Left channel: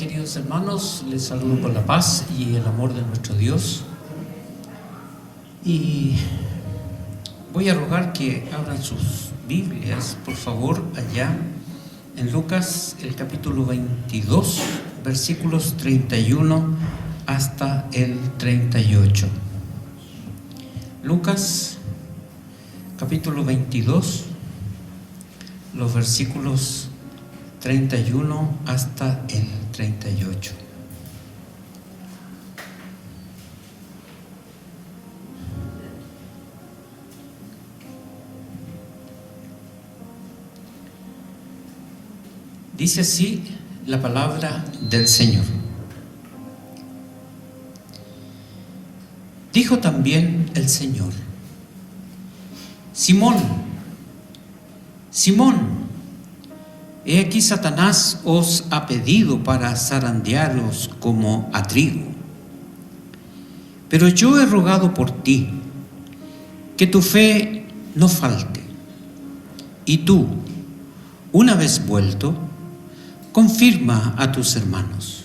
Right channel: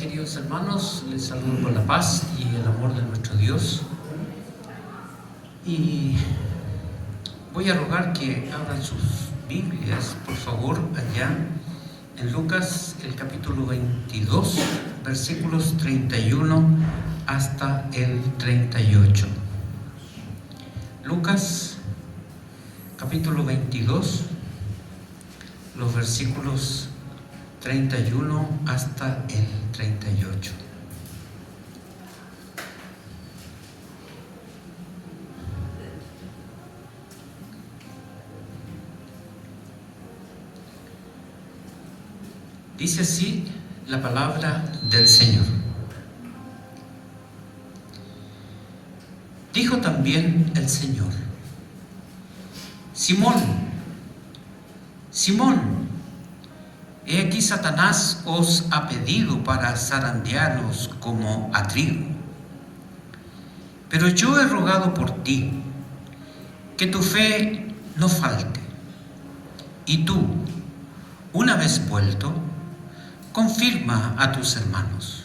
Queridos hermanos, les saludo con la paz y el amor de nuestro Dios. Y voy a rogar que abran sus Biblias, por favor, allá en Lucas, el capítulo 22, versículos 31 hasta el 38. Lucas, capítulo 22, los versículos 31 hasta el 38. Dice así la palabra del Señor. Dijo también el Señor: Simón, Simón, he aquí Satanás os ha pedido para zarandearos como a trigo. Pero yo he rogado por ti, que tu fe no falte. Y tú, una vez vuelto, confirma a tus hermanos.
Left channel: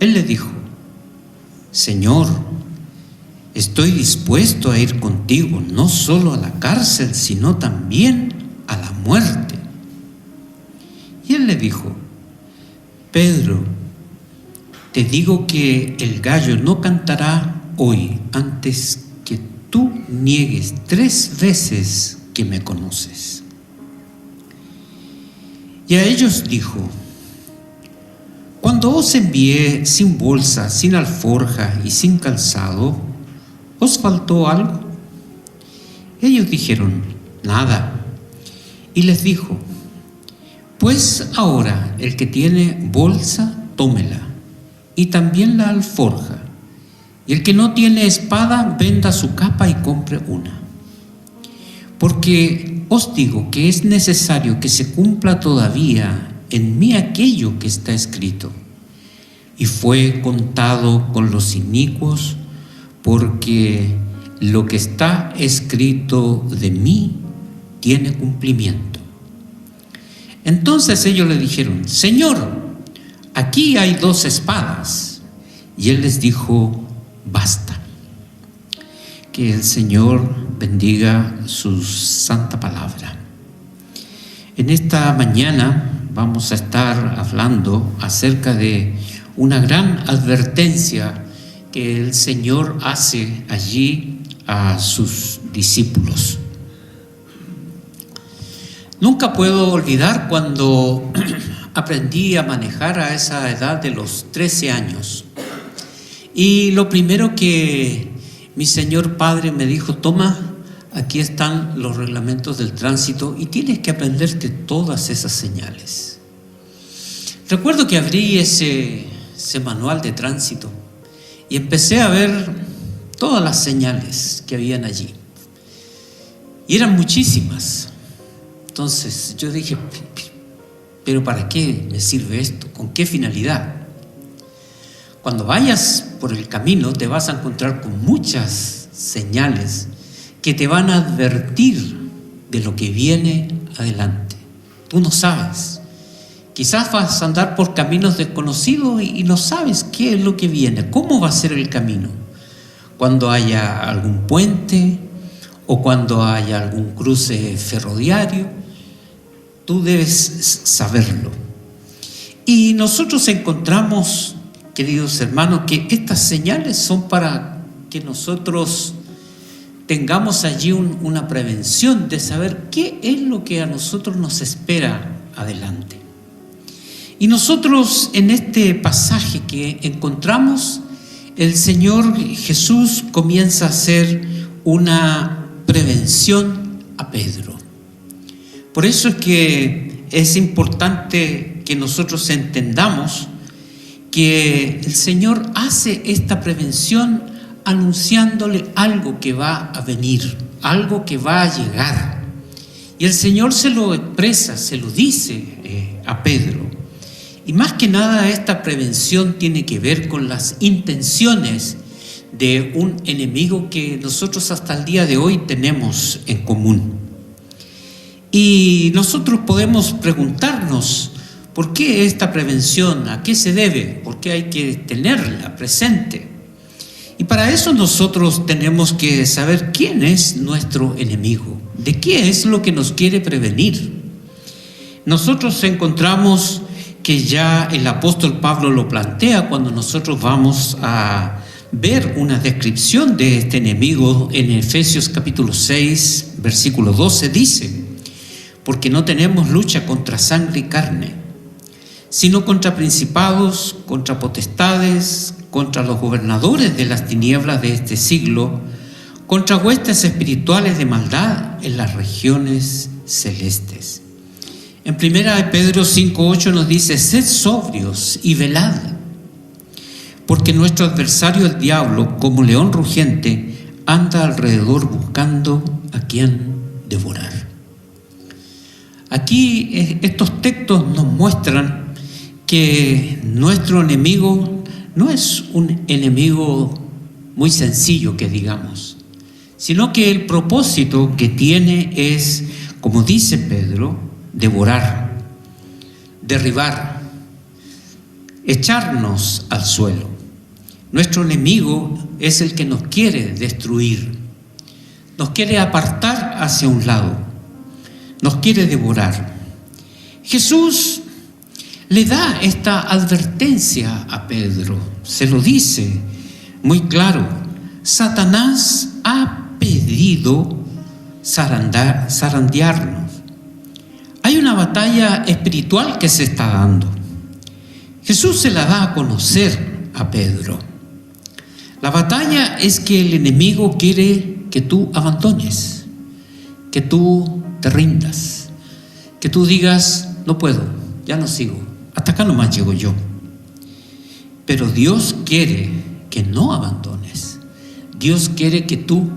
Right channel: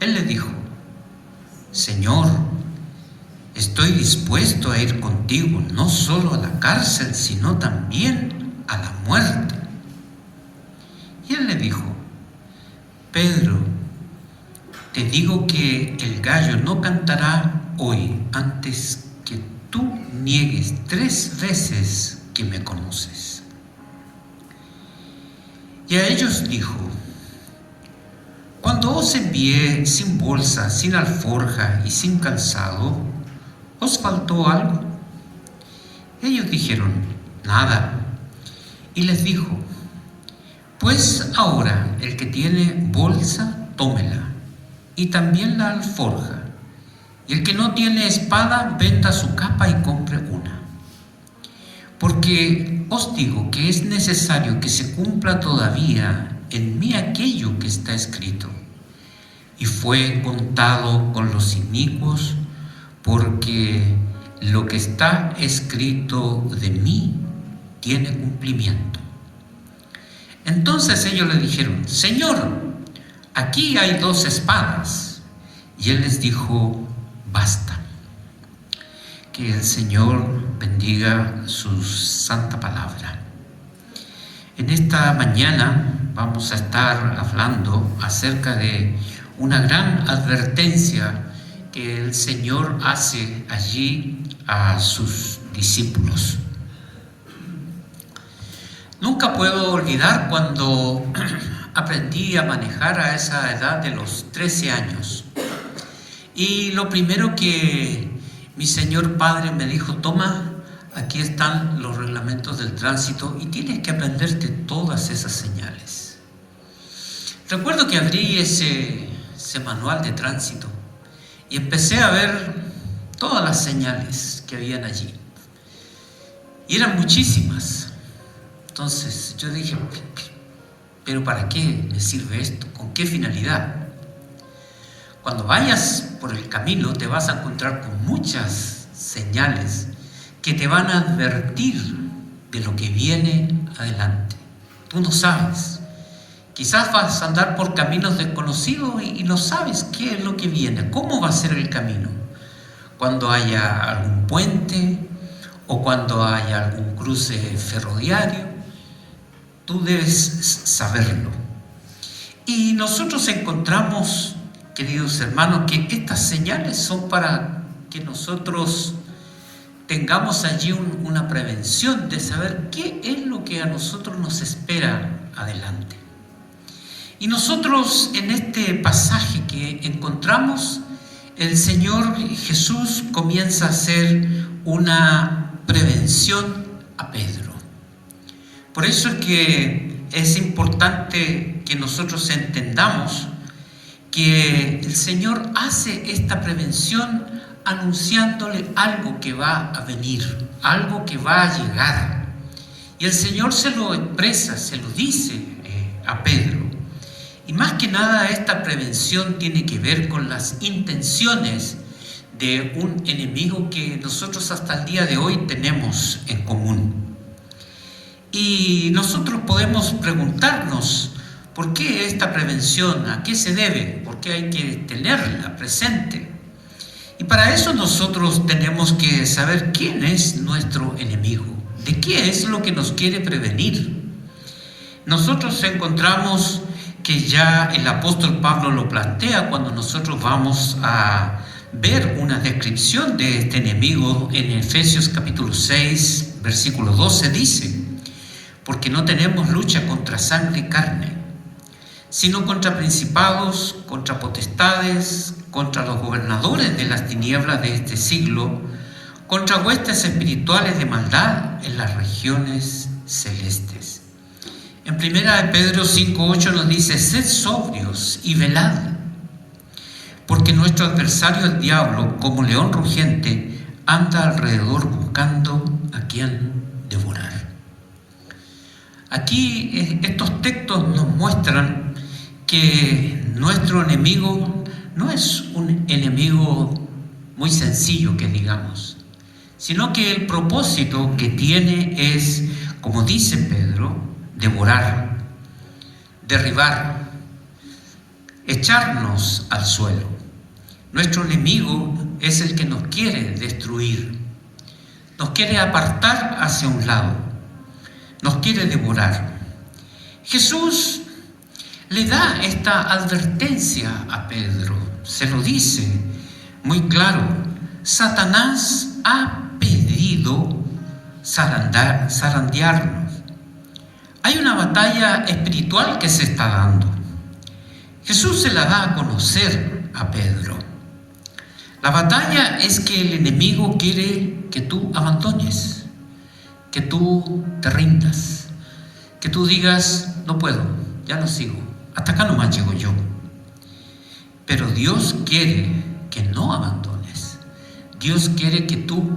Él le dijo: Señor, estoy dispuesto a ir contigo, no solo a la cárcel, sino también a la muerte. Y él le dijo: Pedro, te digo que el gallo no cantará hoy antes que tú niegues 3 veces que me conoces. Y a ellos dijo: Cuando os envié sin bolsa, sin alforja y sin calzado, ¿os faltó algo? Ellos dijeron: Nada. Y les dijo: Pues ahora el que tiene bolsa, tómela, y también la alforja, y el que no tiene espada, venda su capa y compre una. Porque os digo que es necesario que se cumpla todavía en mí aquello que está escrito. Y fue contado con los inicuos, porque lo que está escrito de mí tiene cumplimiento. Entonces ellos le dijeron: Señor, aquí hay 2 espadas. Y él les dijo: Basta. Que el Señor bendiga su santa palabra. En esta mañana vamos a estar hablando acerca de una gran advertencia que el Señor hace allí a sus discípulos. Nunca puedo olvidar cuando aprendí a manejar a esa edad de los 13 años. Y lo primero que mi Señor Padre me dijo: toma, aquí están los reglamentos del tránsito y tienes que aprenderte todas esas señales. Recuerdo que abrí ese manual de tránsito y empecé a ver todas las señales que habían allí. Y eran muchísimas. Entonces yo dije: ¿pero para qué me sirve esto? ¿Con qué finalidad? Cuando vayas por el camino te vas a encontrar con muchas señales que te van a advertir de lo que viene adelante. Tú no sabes. Quizás vas a andar por caminos desconocidos y no sabes qué es lo que viene, cómo va a ser el camino. Cuando haya algún puente o cuando haya algún cruce ferroviario, tú debes saberlo. Y nosotros encontramos, queridos hermanos, que estas señales son para que nosotros tengamos allí una prevención de saber qué es lo que a nosotros nos espera adelante. Y nosotros en este pasaje que encontramos, el Señor Jesús comienza a hacer una prevención a Pedro. Por eso es que es importante que nosotros entendamos que el Señor hace esta prevención anunciándole algo que va a venir, algo que va a llegar. Y el Señor se lo expresa, se lo dice a Pedro. Y más que nada esta prevención tiene que ver con las intenciones de un enemigo que nosotros hasta el día de hoy tenemos en común. Y nosotros podemos preguntarnos: ¿Por qué esta prevención? ¿A qué se debe? ¿Por qué hay que tenerla presente? Y para eso nosotros tenemos que saber quién es nuestro enemigo, de qué es lo que nos quiere prevenir. Nosotros encontramos que ya el apóstol Pablo lo plantea cuando nosotros vamos a ver una descripción de este enemigo en Efesios capítulo 6, versículo 12, dice: porque no tenemos lucha contra sangre y carne, sino contra principados, contra potestades, contra los gobernadores de las tinieblas de este siglo, contra huestes espirituales de maldad en las regiones celestes. En 1 Pedro 5:8 nos dice: sed sobrios y velad, porque nuestro adversario el diablo, como león rugiente, anda alrededor buscando a quien devorar. Aquí estos textos nos muestran que nuestro enemigo no es un enemigo muy sencillo, que digamos, sino que el propósito que tiene es, como dice Pedro, devorar, derribar, echarnos al suelo. Nuestro enemigo es el que nos quiere destruir, nos quiere apartar hacia un lado, nos quiere devorar. Jesús le da esta advertencia a Pedro, se lo dice muy claro: Satanás ha pedido zarandearnos. Hay una batalla espiritual que se está dando. Jesús se la da a conocer a Pedro. La batalla es que el enemigo quiere que tú abandones, que tú te rindas, que tú digas: no puedo, ya no sigo, hasta acá nomás llego yo. Pero Dios quiere que no abandones. Dios quiere que tú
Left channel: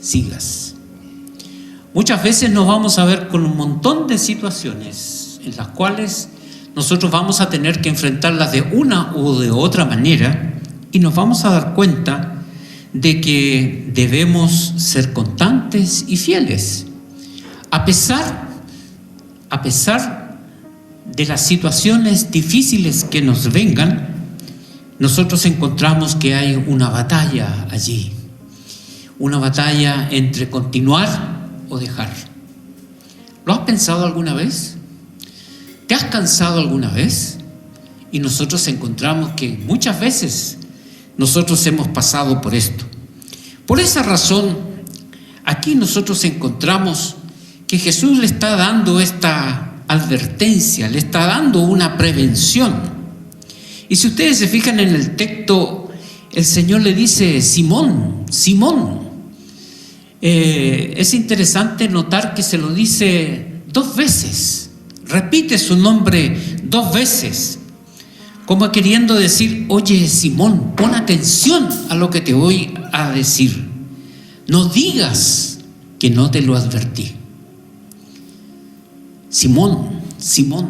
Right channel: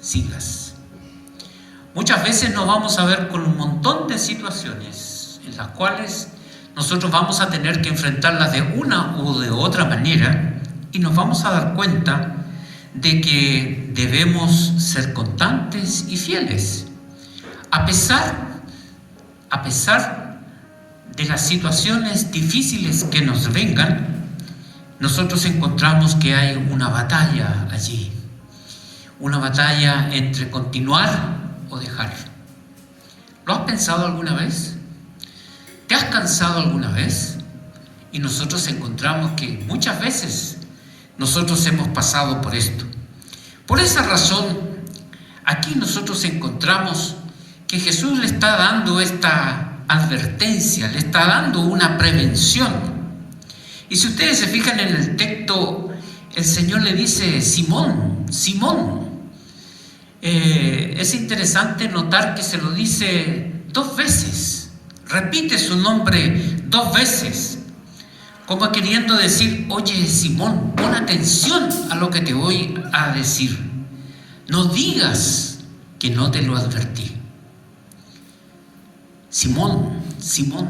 sigas. Muchas veces nos vamos a ver con un montón de situaciones en las cuales nosotros vamos a tener que enfrentarlas de una u de otra manera, y nos vamos a dar cuenta de que debemos ser constantes y fieles. A pesar de las situaciones difíciles que nos vengan, nosotros encontramos que hay una batalla allí, una batalla entre continuar o dejar. ¿Lo has pensado alguna vez? ¿Te has cansado alguna vez? Y nosotros encontramos que muchas veces nosotros hemos pasado por esto. Por esa razón, aquí nosotros encontramos que Jesús le está dando esta advertencia, le está dando una prevención. Y si ustedes se fijan en el texto, el Señor le dice: Simón, Simón. Es interesante notar que se lo dice 2 veces, repite su nombre 2 veces, como queriendo decir: oye, Simón, pon atención a lo que te voy a decir, no digas que no te lo advertí. Simón, Simón,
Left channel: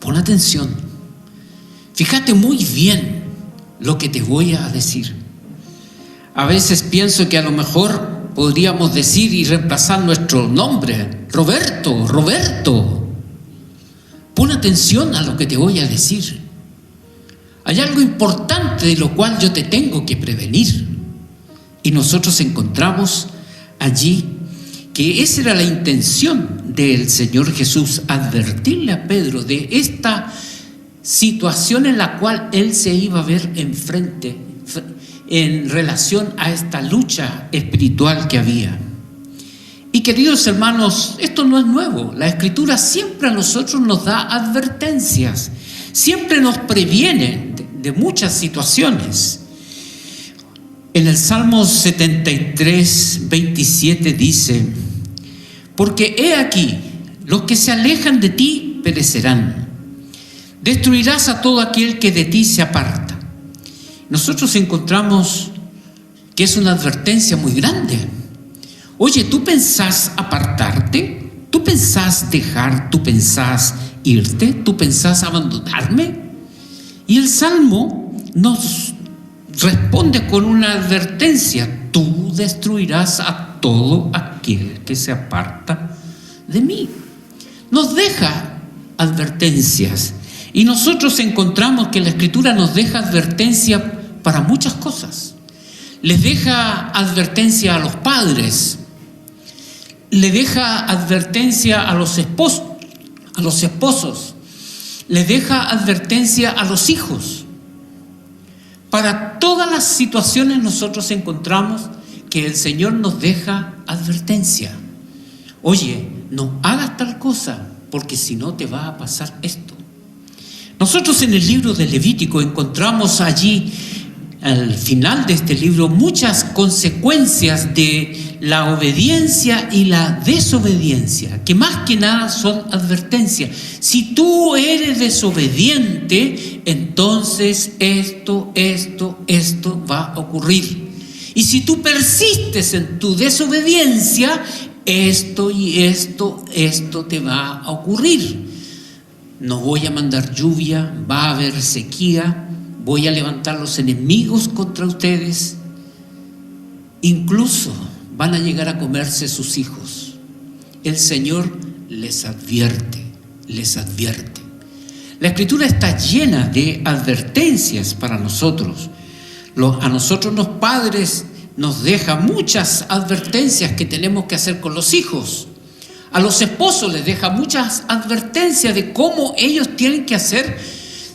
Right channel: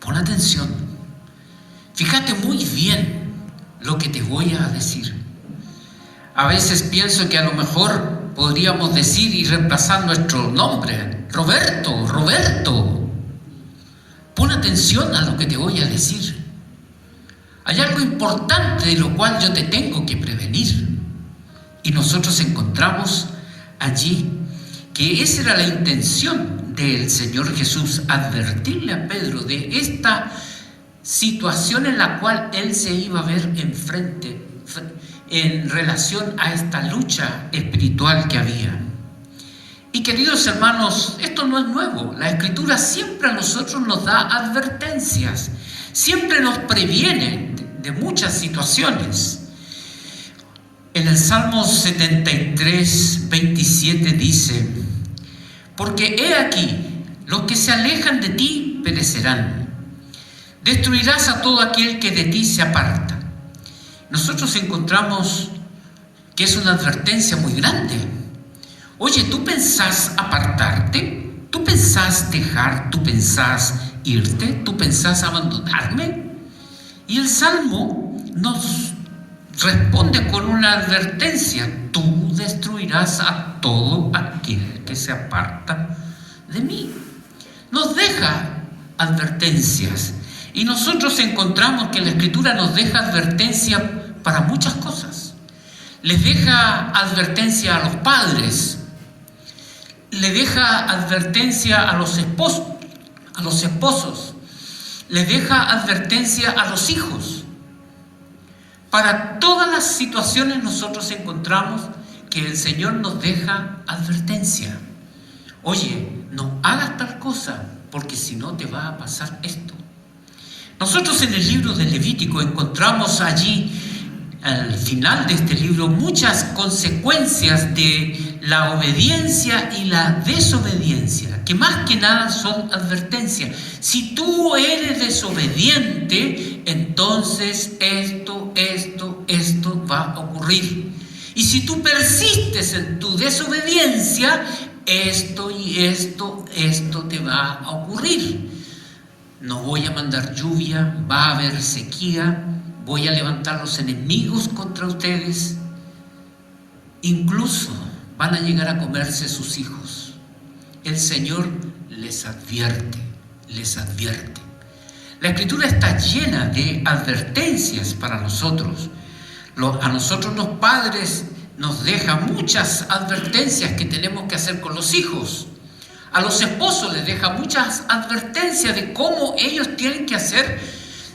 pon atención, fíjate muy bien lo que te voy a decir. A veces pienso que a lo mejor podríamos decir y reemplazar nuestro nombre: Roberto, Roberto, pon atención a lo que te voy a decir. Hay algo importante de lo cual yo te tengo que prevenir. Y nosotros encontramos allí que esa era la intención del Señor Jesús, advertirle a Pedro de esta situación en la cual él se iba a ver enfrente en relación a esta lucha espiritual que había. Y queridos hermanos, esto no es nuevo. La Escritura siempre a nosotros nos da advertencias, siempre nos previene de muchas situaciones. En el Salmo 73, 27 dice: porque he aquí, los que se alejan de ti perecerán. Destruirás a todo aquel que de ti se aparta. Nosotros encontramos que es una advertencia muy grande. Oye, ¿tú pensás apartarte? ¿Tú pensás dejar? ¿Tú pensás irte? ¿Tú pensás abandonarme? Y el Salmo nos responde con una advertencia: tú destruirás a todo aquel que se aparta de mí. Nos deja advertencias. Y nosotros encontramos que la Escritura nos deja advertencia para muchas cosas. Les deja advertencia a los padres, le deja advertencia a los esposos, les deja advertencia a los hijos. Para todas las situaciones nosotros encontramos que el Señor nos deja advertencia. Oye, no hagas tal cosa, porque si no te va a pasar esto. Nosotros en el libro de Levítico encontramos allí, al final de este libro, muchas consecuencias de la obediencia y la desobediencia, que más que nada son advertencias. Si tú eres desobediente, entonces esto va a ocurrir. Y si tú persistes en tu desobediencia, esto te va a ocurrir. No voy a mandar lluvia, va a haber sequía, voy a levantar los enemigos contra ustedes. Incluso van a llegar a comerse sus hijos. El Señor les advierte. La Escritura está llena de advertencias para nosotros. A nosotros los padres nos deja muchas advertencias que tenemos que hacer con los hijos. A los esposos les deja muchas advertencias de cómo ellos tienen que hacer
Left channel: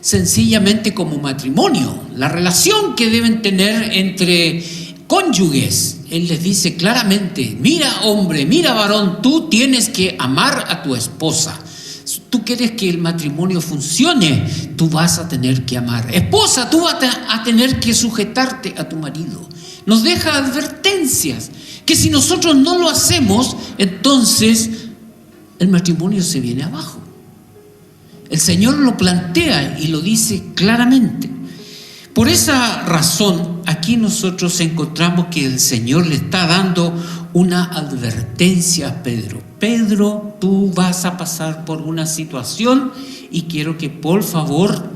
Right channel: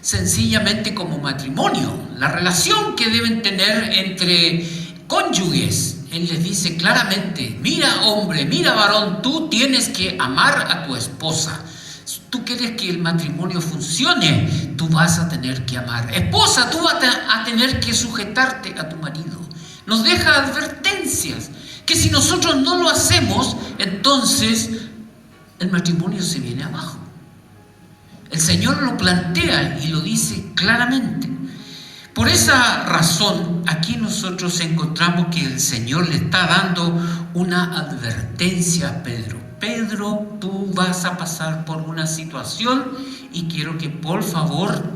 sencillamente como matrimonio, la relación que deben tener entre cónyuges. Él les dice claramente: mira hombre, mira varón, tú tienes que amar a tu esposa. Tú quieres que el matrimonio funcione, tú vas a tener que amar. Esposa, tú vas a tener que sujetarte a tu marido. Nos deja advertencias que si nosotros no lo hacemos, entonces el matrimonio se viene abajo. El Señor lo plantea y lo dice claramente. Por esa razón, aquí nosotros encontramos que el Señor le está dando una advertencia a Pedro. Pedro, tú vas a pasar por una situación y quiero que por favor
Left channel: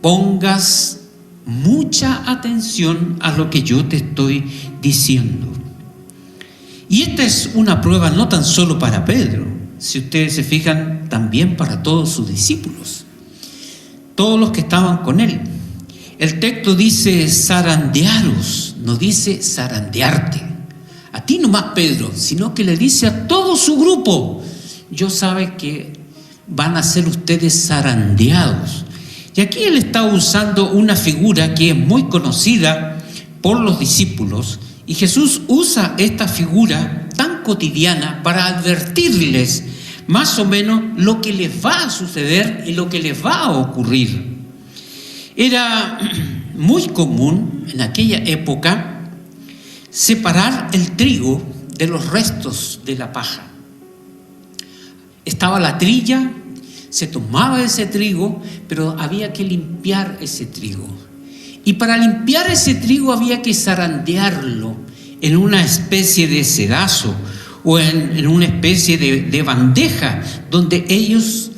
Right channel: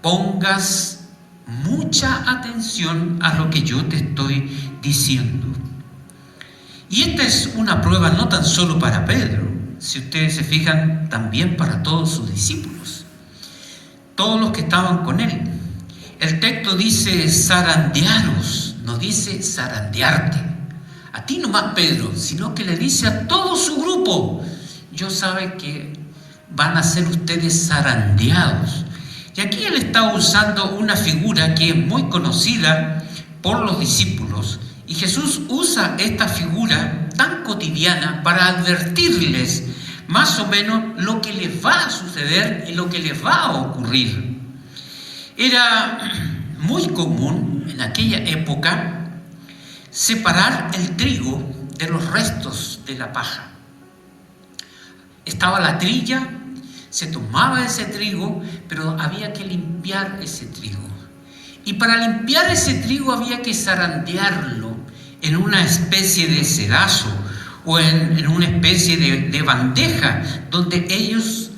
pongas mucha atención a lo que yo te estoy diciendo. Y esta es una prueba no tan solo para Pedro, si ustedes se fijan, también para todos sus discípulos, todos los que estaban con él. El texto dice zarandearos, no dice zarandearte. A ti nomás, Pedro, sino que le dice a todo su grupo: yo sabe que van a ser ustedes zarandeados. Y aquí él está usando una figura que es muy conocida por los discípulos, y Jesús usa esta figura tan cotidiana para advertirles más o menos lo que les va a suceder y lo que les va a ocurrir. Era muy común en aquella época separar el trigo de los restos de la paja. Estaba la trilla, se tomaba ese trigo, pero había que limpiar ese trigo. Y para limpiar ese trigo había que zarandearlo en una especie de sedazo o en una especie de bandeja donde ellos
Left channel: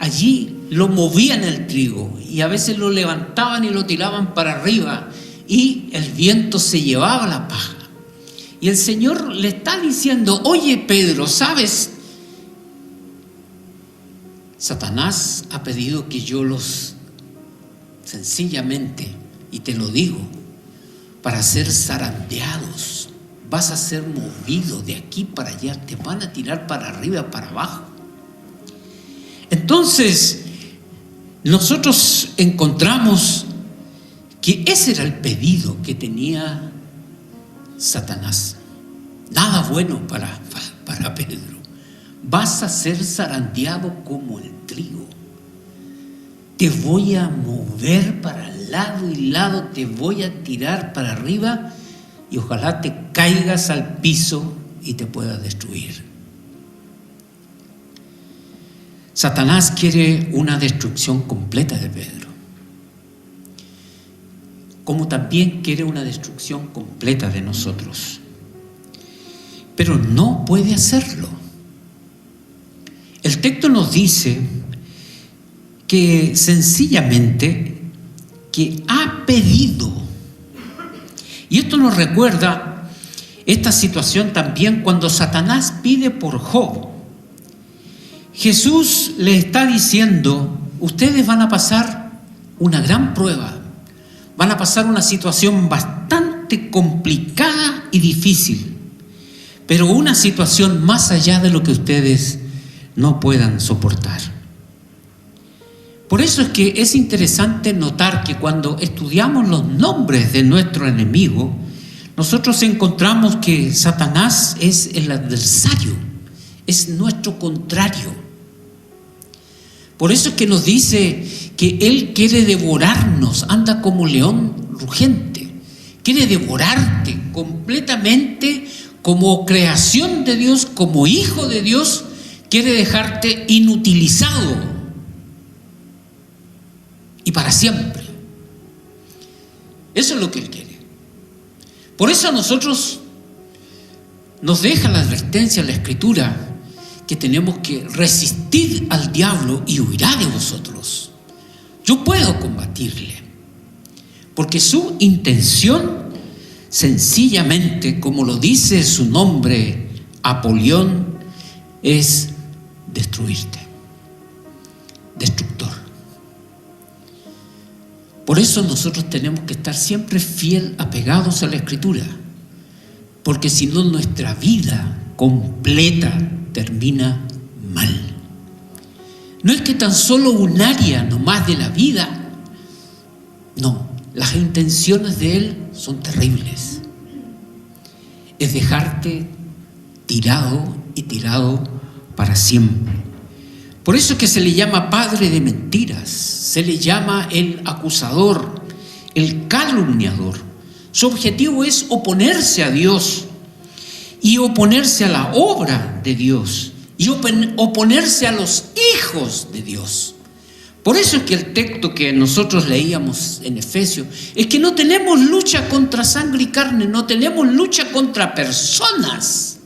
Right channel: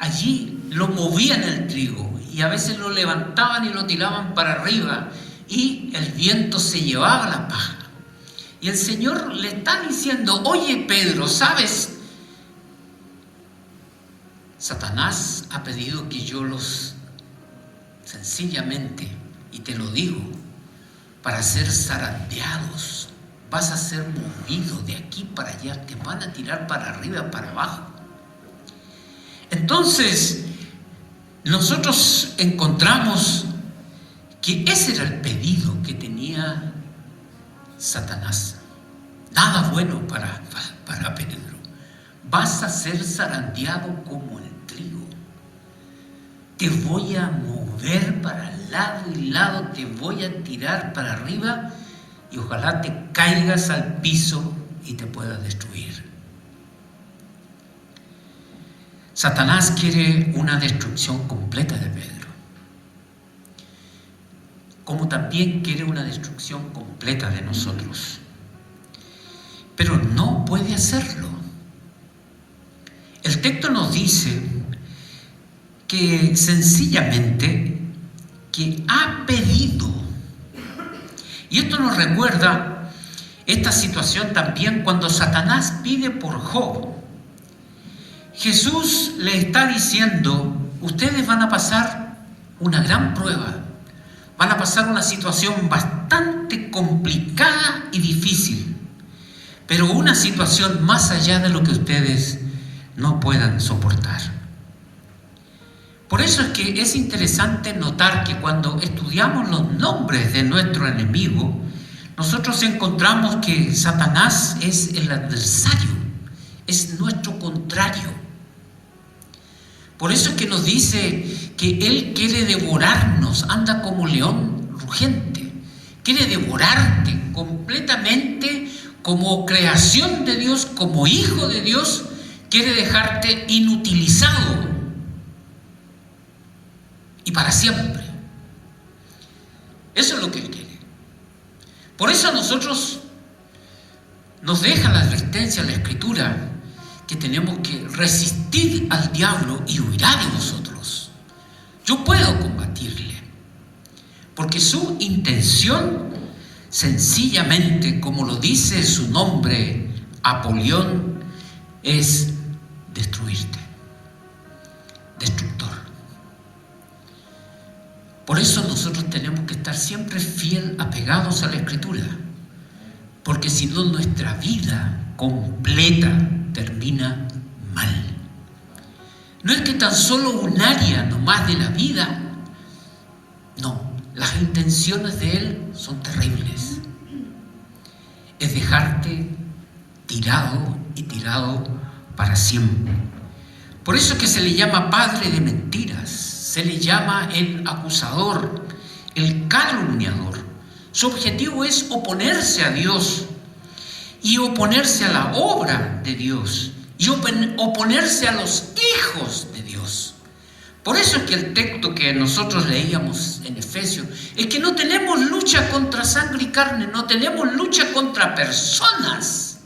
allí lo movían el trigo y a veces lo levantaban y lo tiraban para arriba y el viento se llevaba la paja. Y el Señor le está diciendo: oye Pedro, ¿sabes? Satanás ha pedido que yo los sencillamente, y te lo digo, para ser zarandeados. Vas a ser movido de aquí para allá, te van a tirar para arriba, para abajo. Entonces, nosotros encontramos que ese era el pedido que tenía Satanás. Nada bueno para Pedro. Vas a ser zarandeado como el trigo. Te voy a mover para lado y lado, te voy a tirar para arriba y ojalá te caigas al piso y te pueda destruir. Satanás quiere una destrucción completa de Pedro, como también quiere una destrucción completa de nosotros, pero no puede hacerlo. El texto nos dice que sencillamente que ha pedido. Y esto nos recuerda esta situación también cuando Satanás pide por Job. Jesús le está diciendo, ustedes van a pasar una gran prueba, van a pasar una situación bastante complicada y difícil, pero una situación más allá de lo que ustedes no puedan soportar. Por eso es que es interesante notar que cuando estudiamos los nombres de nuestro enemigo, nosotros encontramos que Satanás es el adversario, es nuestro contrario. Por eso es que nos dice que él quiere devorarnos, anda como león rugiente, quiere devorarte completamente como creación de Dios, como hijo de Dios, quiere dejarte inutilizado y para siempre. Eso es lo que él quiere. Por eso a nosotros nos deja la advertencia en la Escritura que tenemos que resistir al diablo y huirá de nosotros. Yo puedo combatirle, porque su intención, sencillamente, como lo dice su nombre, Apolión, es destruirte, destructor. Por eso nosotros tenemos que estar siempre fiel, apegados a la Escritura, porque si no nuestra vida completa termina mal. No es que tan solo un área nomás de la vida, no, las intenciones de él son terribles. Es dejarte tirado y tirado para siempre. Por eso es que se le llama padre de mentiras, se le llama el acusador, el calumniador. Su objetivo es oponerse a Dios y oponerse a la obra de Dios y oponerse a los hijos de Dios. Por eso es que el texto que nosotros leíamos en Efesios es que no tenemos lucha contra sangre y carne, no tenemos lucha contra personas,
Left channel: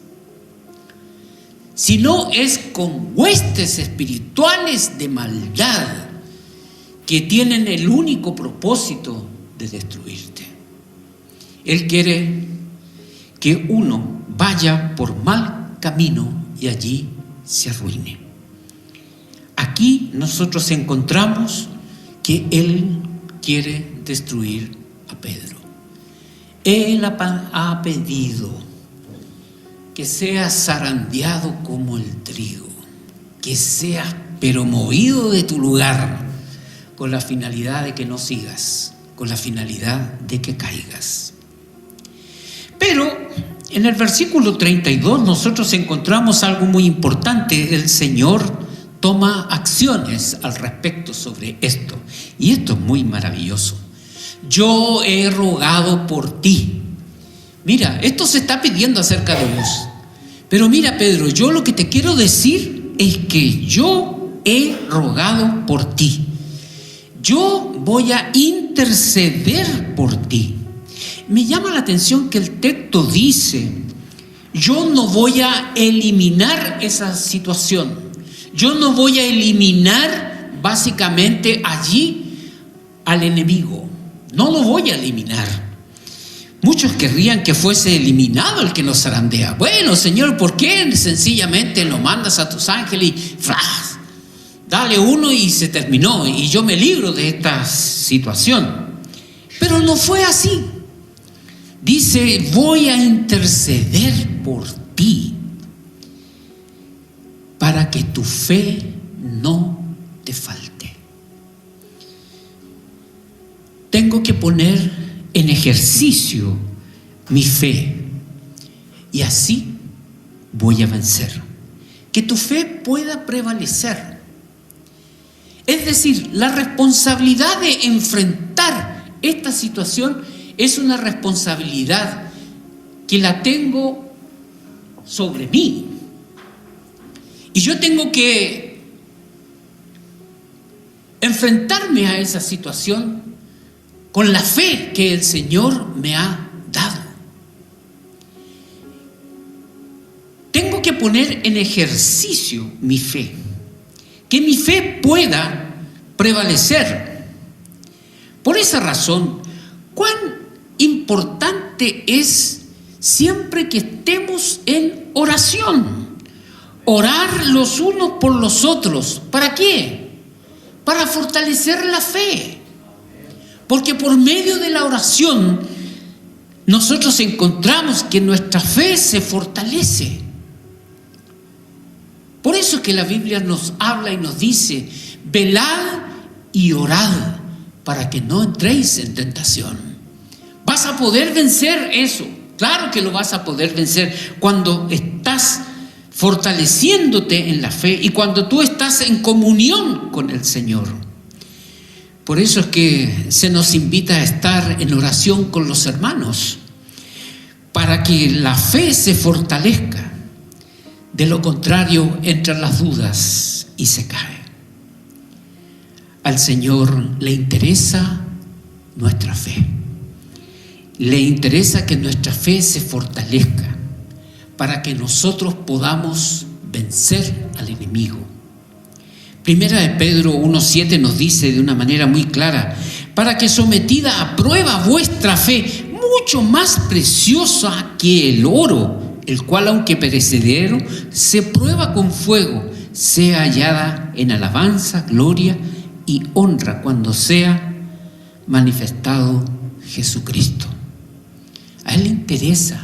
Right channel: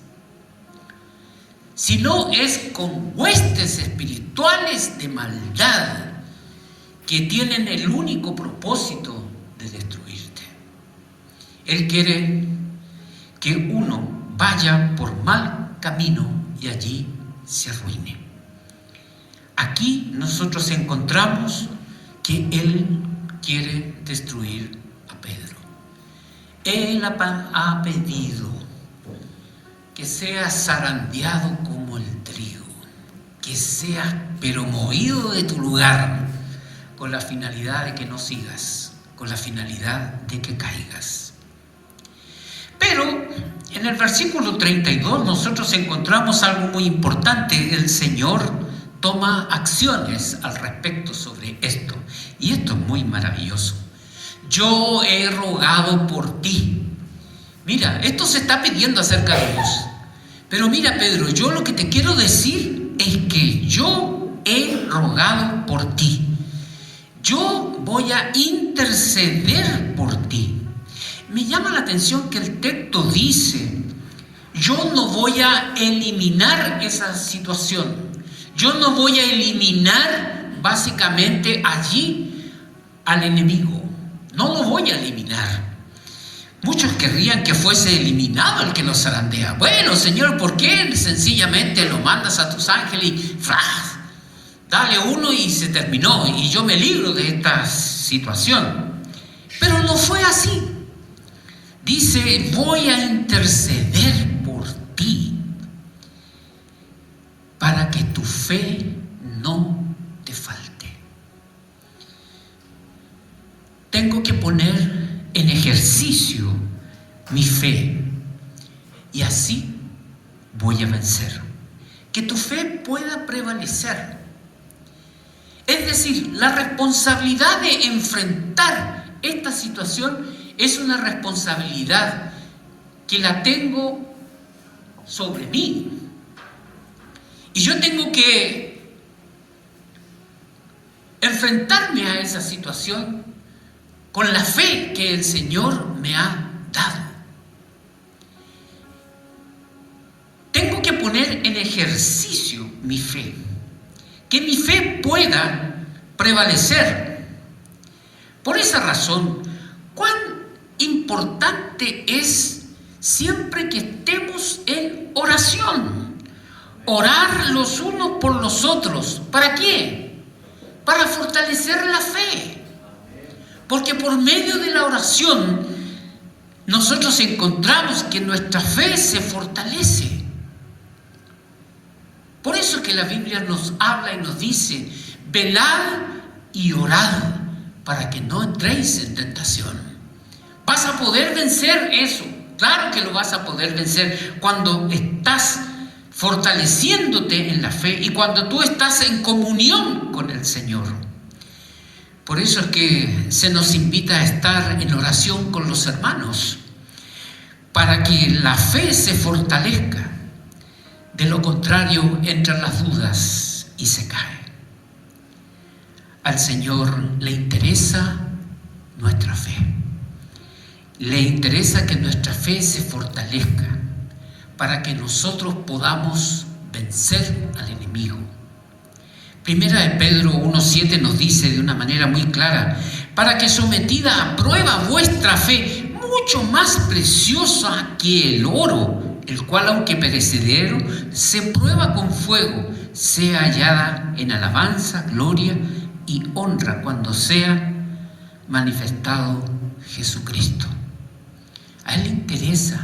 sino es con huestes espirituales de maldad que tienen el único propósito de destruirte. Él quiere que uno vaya por mal camino y allí se arruine. Aquí nosotros encontramos que él quiere destruir a Pedro. Él ha pedido que seas zarandeado como el trigo, que seas pero movido de tu lugar, con la finalidad de que no sigas, con la finalidad de que caigas. Pero en el versículo 32 nosotros encontramos algo muy importante. El Señor toma acciones al respecto sobre esto, y esto es muy maravilloso. Yo he rogado por ti. Mira, esto se está pidiendo acerca de vos. Pero mira, Pedro, yo lo que te quiero decir es que yo he rogado por ti. Yo voy a interceder por ti. Me llama la atención que el texto dice, yo no voy a eliminar esa situación. Yo no voy a eliminar básicamente allí al enemigo. No lo voy a eliminar. Muchos querrían que fuese eliminado el que nos zarandea. Bueno, Señor, ¿por qué sencillamente lo mandas a tus ángeles y ¡fras! Dale uno y se terminó y yo me libro de esta situación? Pero no fue así. Dice, voy a interceder por ti para que tu fe no te falte. Tengo que poner en ejercicio mi fe y así voy a vencer. Que tu fe pueda prevalecer. Es decir, la responsabilidad de enfrentar esta situación es una responsabilidad que la tengo sobre mí. Y yo tengo que enfrentarme a esa situación con la fe que el Señor me ha dado. Tengo que poner en ejercicio mi fe, que mi fe pueda prevalecer. Por esa razón, cuán importante es siempre que estemos en oración. Orar los unos por los otros. ¿Para qué? Para fortalecer la fe. Porque por medio de la oración nosotros encontramos que nuestra fe se fortalece. Por eso es que la Biblia nos habla y nos dice: velad y orad para que no entréis en tentación. ¿Vas a poder vencer eso? Claro que lo vas a poder vencer cuando estás fortaleciéndote en la fe y cuando tú estás en comunión con el Señor. Por eso es que se nos invita a estar en oración con los hermanos, para que la fe se fortalezca. De lo contrario, entran las dudas y se cae. Al Señor le interesa nuestra fe. Le interesa que nuestra fe se fortalezca para que nosotros podamos vencer al enemigo. Primera de Pedro 1:7 nos dice de una manera muy clara: para que sometida a prueba vuestra fe, mucho más preciosa que el oro, el cual aunque perecedero, se prueba con fuego, sea hallada en alabanza, gloria y honra cuando sea manifestado Jesucristo. A Él le interesa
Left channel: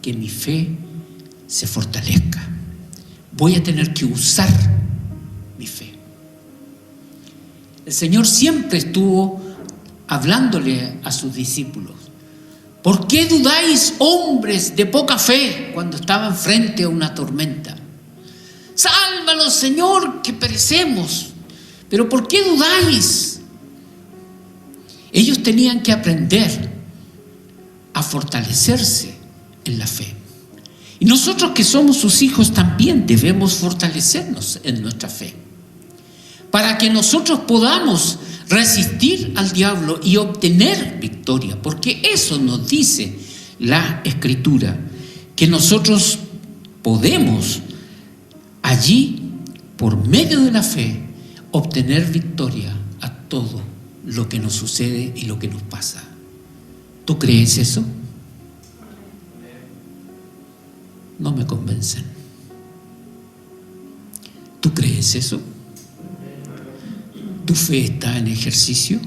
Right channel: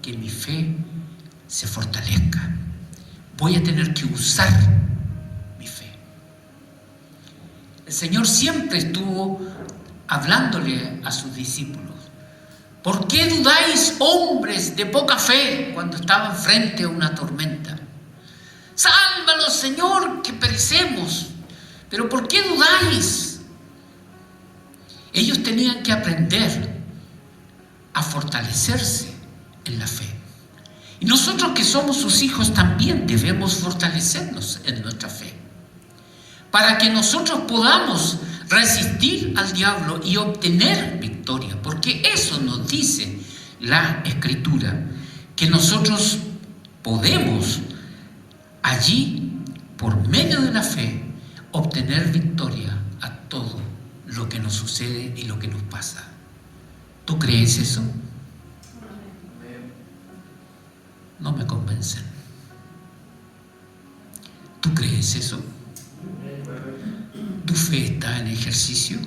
que mi fe se fortalezca. Voy a tener que usar mi fe. El Señor siempre estuvo hablándole a sus discípulos: ¿por qué dudáis, hombres de poca fe, cuando estaban frente a una tormenta? Sálvanos, Señor, que perecemos. Pero ¿por qué dudáis? Ellos tenían que aprender a fortalecerse en la fe. Y nosotros que somos sus hijos también debemos fortalecernos en nuestra fe, para que nosotros podamos resistir al diablo y obtener victoria, porque eso nos dice la Escritura, que nosotros podemos allí, por medio de la fe, obtener victoria a todo lo que nos sucede y lo que nos pasa. ¿Tú crees eso? No me convencen. ¿Tú crees eso? ¿Tu fe está en ejercicio?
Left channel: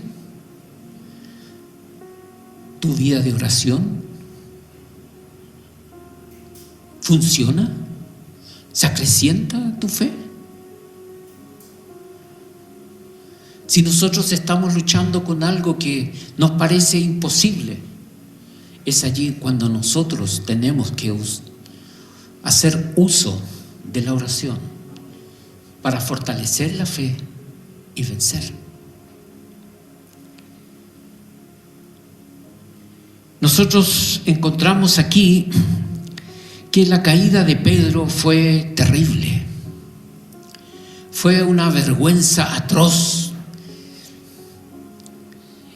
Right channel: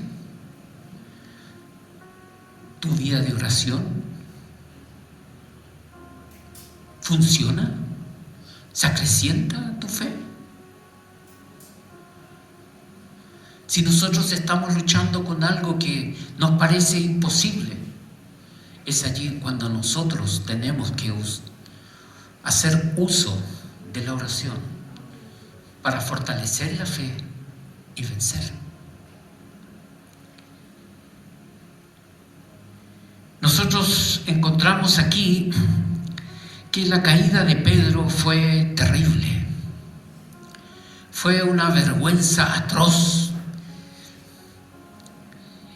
¿Tu vida de oración funciona? ¿Se acrecienta tu fe? Si nosotros estamos luchando con algo que nos parece imposible, es allí cuando nosotros tenemos que hacer uso de la oración para fortalecer la fe y vencer. Nosotros encontramos aquí que la caída de Pedro fue terrible. Fue una vergüenza atroz.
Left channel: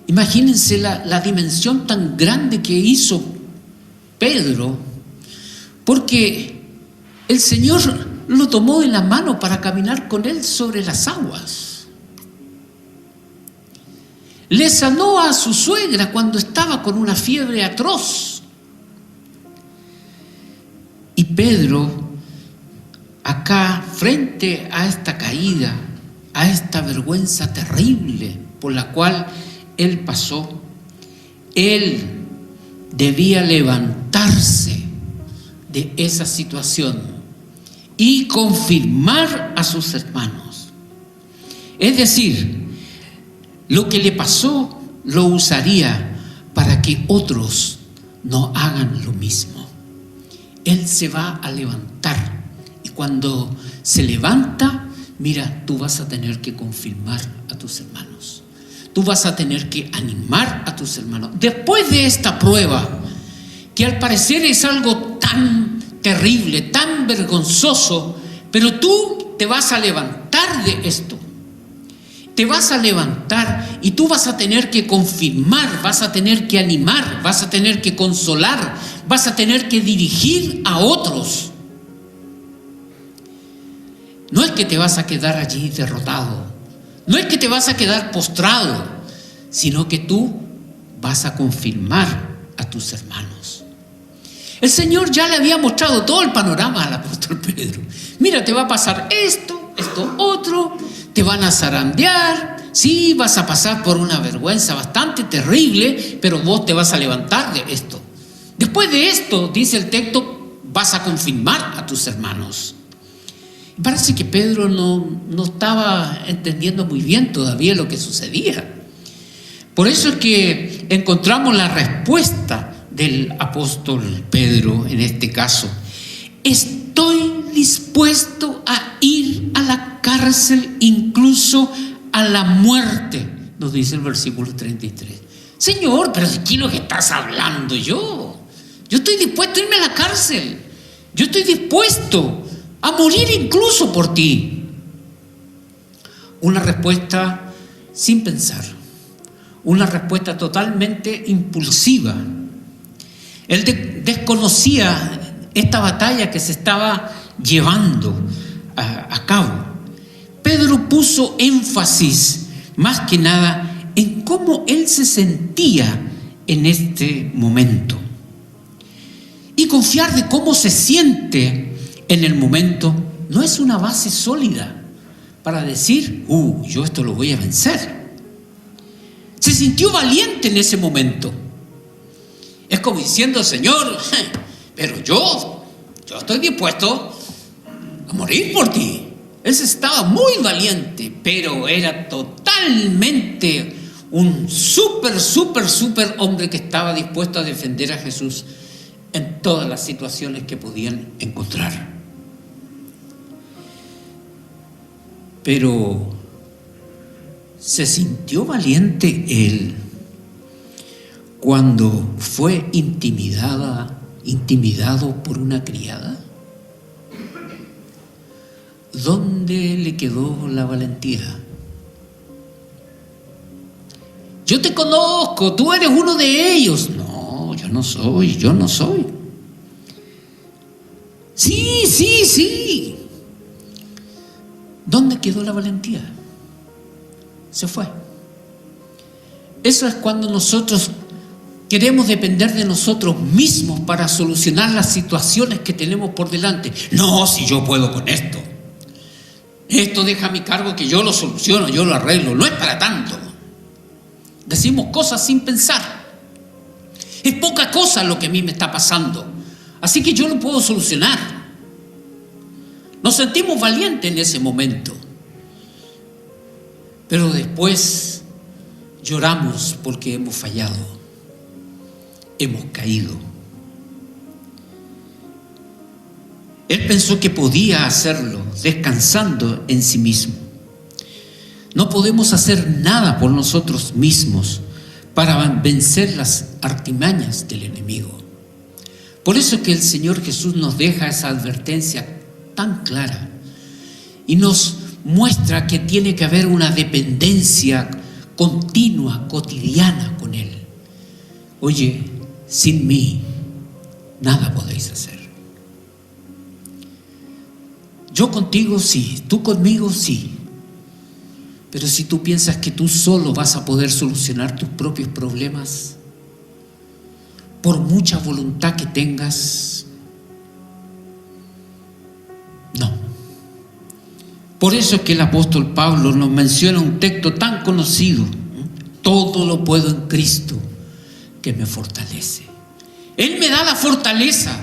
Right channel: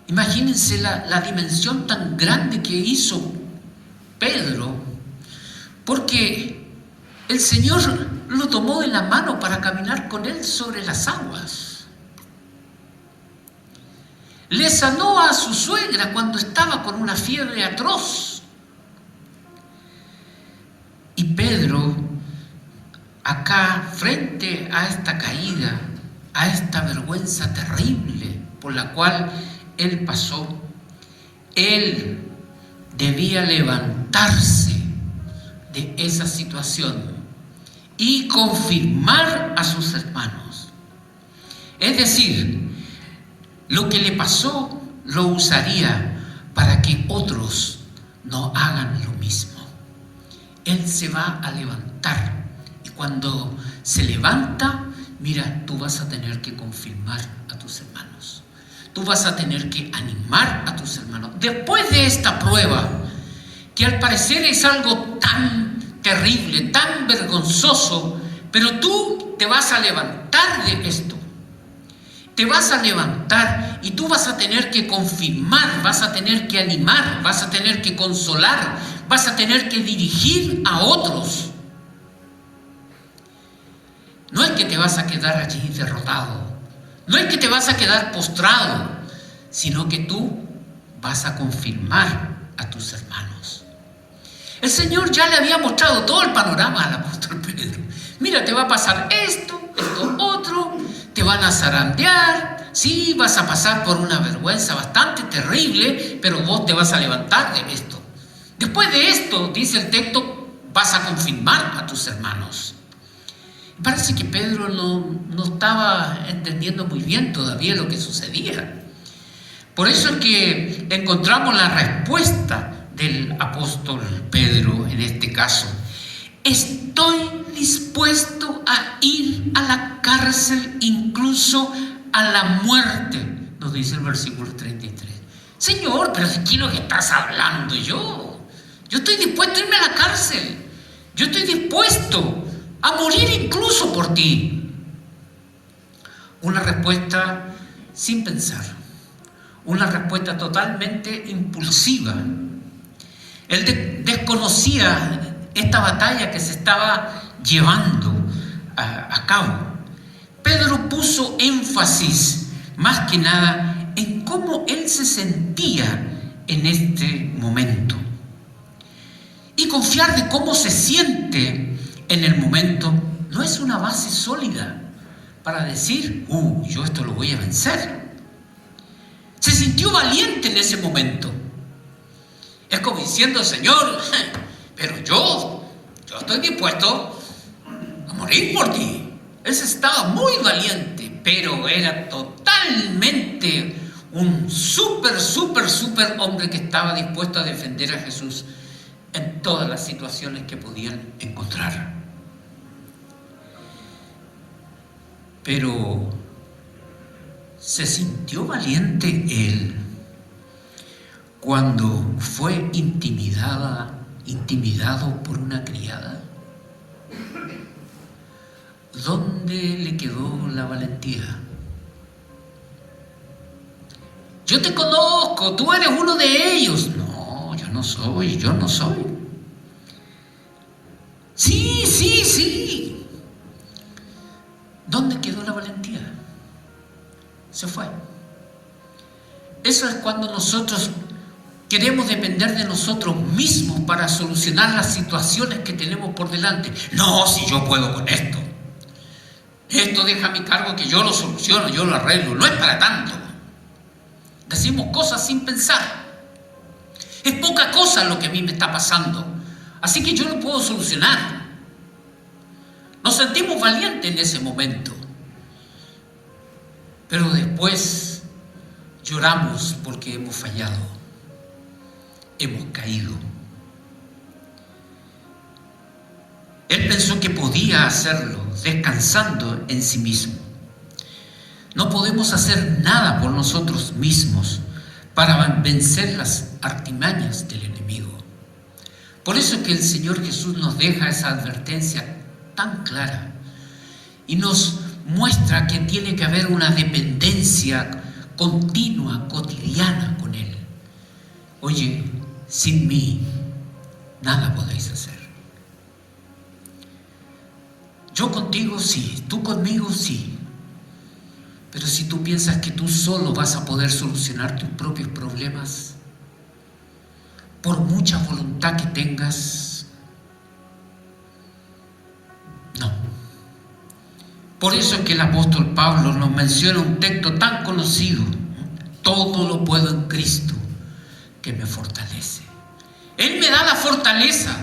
Imagínense la dimensión tan grande que hizo Pedro, porque el Señor lo tomó de la mano para caminar con él sobre las aguas. Le sanó a su suegra cuando estaba con una fiebre atroz. Y Pedro, acá, frente a esta caída, a esta vergüenza terrible por la cual él pasó, él debía levantarse de esa situación y confirmar a sus hermanos. Es decir, lo que le pasó lo usaría para que otros no hagan lo mismo. Él se va a levantar, y cuando se levanta, mira, tú vas a tener que confirmar a tus hermanos. Tú vas a tener que animar a tus hermanos. Después de esta prueba, que al parecer es algo tan terrible, tan vergonzoso, pero tú te vas a levantar de esto. Te vas a levantar y tú vas a tener que confirmar, vas a tener que animar, vas a tener que consolar, vas a tener que dirigir a otros. No es que te vas a quedar allí derrotado, no es que te vas a quedar postrado, sino que tú vas a confirmar a tus hermanos. El Señor ya le había mostrado todo el panorama al apóstol Pedro. Mira, te va a pasar esto, esto otro, te van a zarandear, sí, vas a pasar por una vergüenza bastante terrible, pero vos te vas a levantar de esto. Después de esto, dice el texto, vas a confirmar a tus hermanos. Parece que Pedro no estaba entendiendo muy bien todavía lo que sucedía. Por eso es que encontramos la respuesta del apóstol Pedro en este caso. Estoy dispuesto a ir a la cárcel, incluso a la muerte, nos dice el versículo 33. Señor, pero ¿de qué es lo que estás hablando yo? Yo estoy dispuesto a irme a la cárcel. Yo estoy dispuesto a morir incluso por ti. Una respuesta sin pensar. Una respuesta totalmente impulsiva. Él desconocía esta batalla que se estaba llevando a cabo. Pedro puso énfasis más que nada en cómo él se sentía en este momento. Y confiar de cómo se siente en el momento no es una base sólida para decir, yo esto lo voy a vencer. Se sintió valiente en ese momento. Es como diciendo, Señor, pero yo estoy dispuesto a morir por ti. Él estaba muy valiente, pero era totalmente un súper hombre que estaba dispuesto a defender a Jesús en todas las situaciones que podían encontrar. Pero se sintió valiente él cuando fue intimidado por una criada. ¿Dónde le quedó la valentía? Yo te conozco, tú eres uno de ellos. No, yo no soy. Sí. ¿Dónde quedó la valentía? Se fue. Eso es cuando nosotros queremos depender de nosotros mismos para solucionar las situaciones que tenemos por delante. No, si yo puedo con esto. Esto deja a mi cargo que yo lo soluciono, yo lo arreglo. No es para tanto. Decimos cosas sin pensar. Es poca cosa lo que a mí me está pasando. Así que yo lo puedo solucionar. Nos sentimos valientes en ese momento. Pero después lloramos porque hemos fallado. Hemos caído. Él pensó que podía hacerlo descansando en sí mismo. No podemos hacer nada por nosotros mismos para vencer las artimañas del enemigo. Por eso es que el Señor Jesús nos deja esa advertencia tan clara y nos muestra que tiene que haber una dependencia continua, cotidiana con Él. Oye, sin mí nada podéis hacer. Yo contigo sí, tú conmigo sí. Pero si tú piensas que tú solo vas a poder solucionar tus propios problemas, por mucha voluntad que tengas, no. Por eso es que el apóstol Pablo nos menciona un texto tan conocido: todo lo puedo en Cristo que me fortalece. Él me da la fortaleza,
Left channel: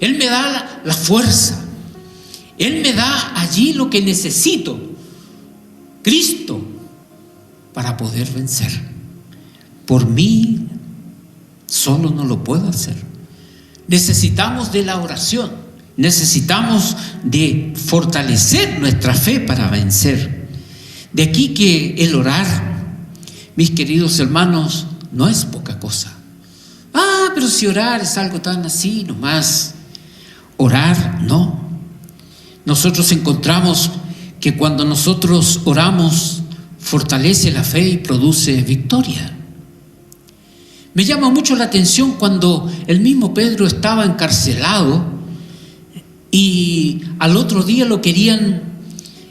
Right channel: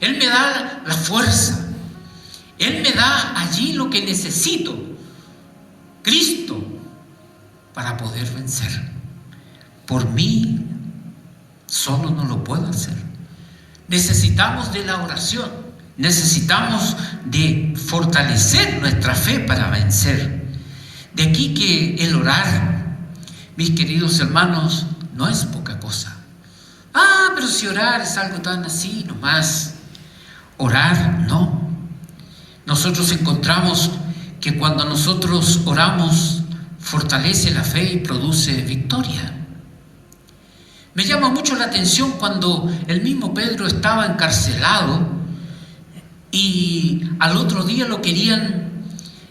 Él me da la fuerza, Él me da allí lo que necesito, Cristo, para poder vencer. Por mí solo no lo puedo hacer. Necesitamos de la oración, necesitamos de fortalecer nuestra fe para vencer. De aquí que el orar, mis queridos hermanos, no es poca cosa. Pero si orar es algo tan así nomás. Orar, no. Nosotros encontramos que cuando nosotros oramos, fortalece la fe y produce victoria. Me llama mucho la atención cuando el mismo Pedro estaba encarcelado y al otro día lo querían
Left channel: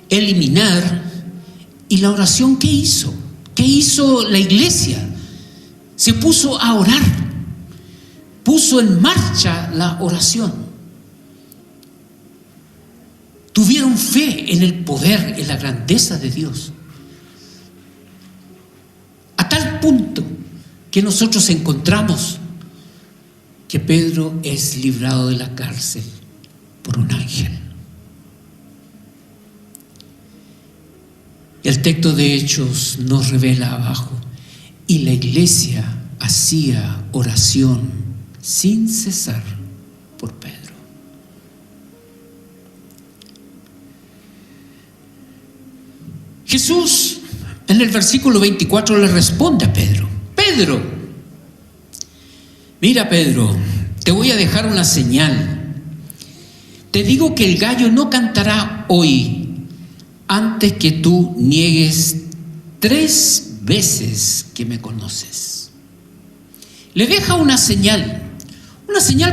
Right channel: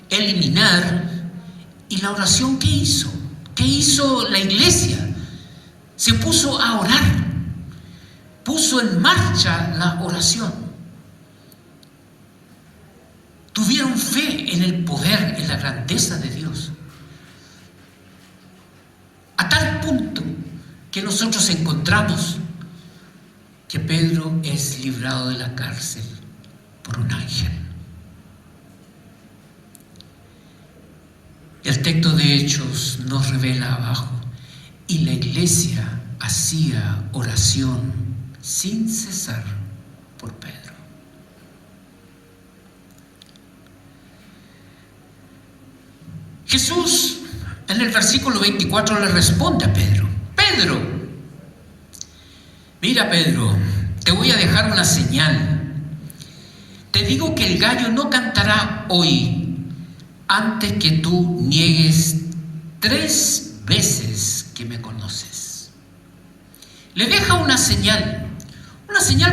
eliminar, y la oración, ¿qué hizo? ¿Qué hizo la iglesia? Se puso a orar. puso en marcha la oración. Tuvieron fe en el poder, en la grandeza de Dios. A tal punto que nosotros encontramos que Pedro es librado de la cárcel por un ángel. El texto de Hechos nos revela abajo, y la iglesia hacía oración sin cesar por Pedro. Jesús en el versículo 24 le responde a Pedro: Pedro, mira Pedro, te voy a dejar una señal. Te digo que el gallo no cantará hoy antes que tú niegues 3 veces que me conoces. Le deja una señal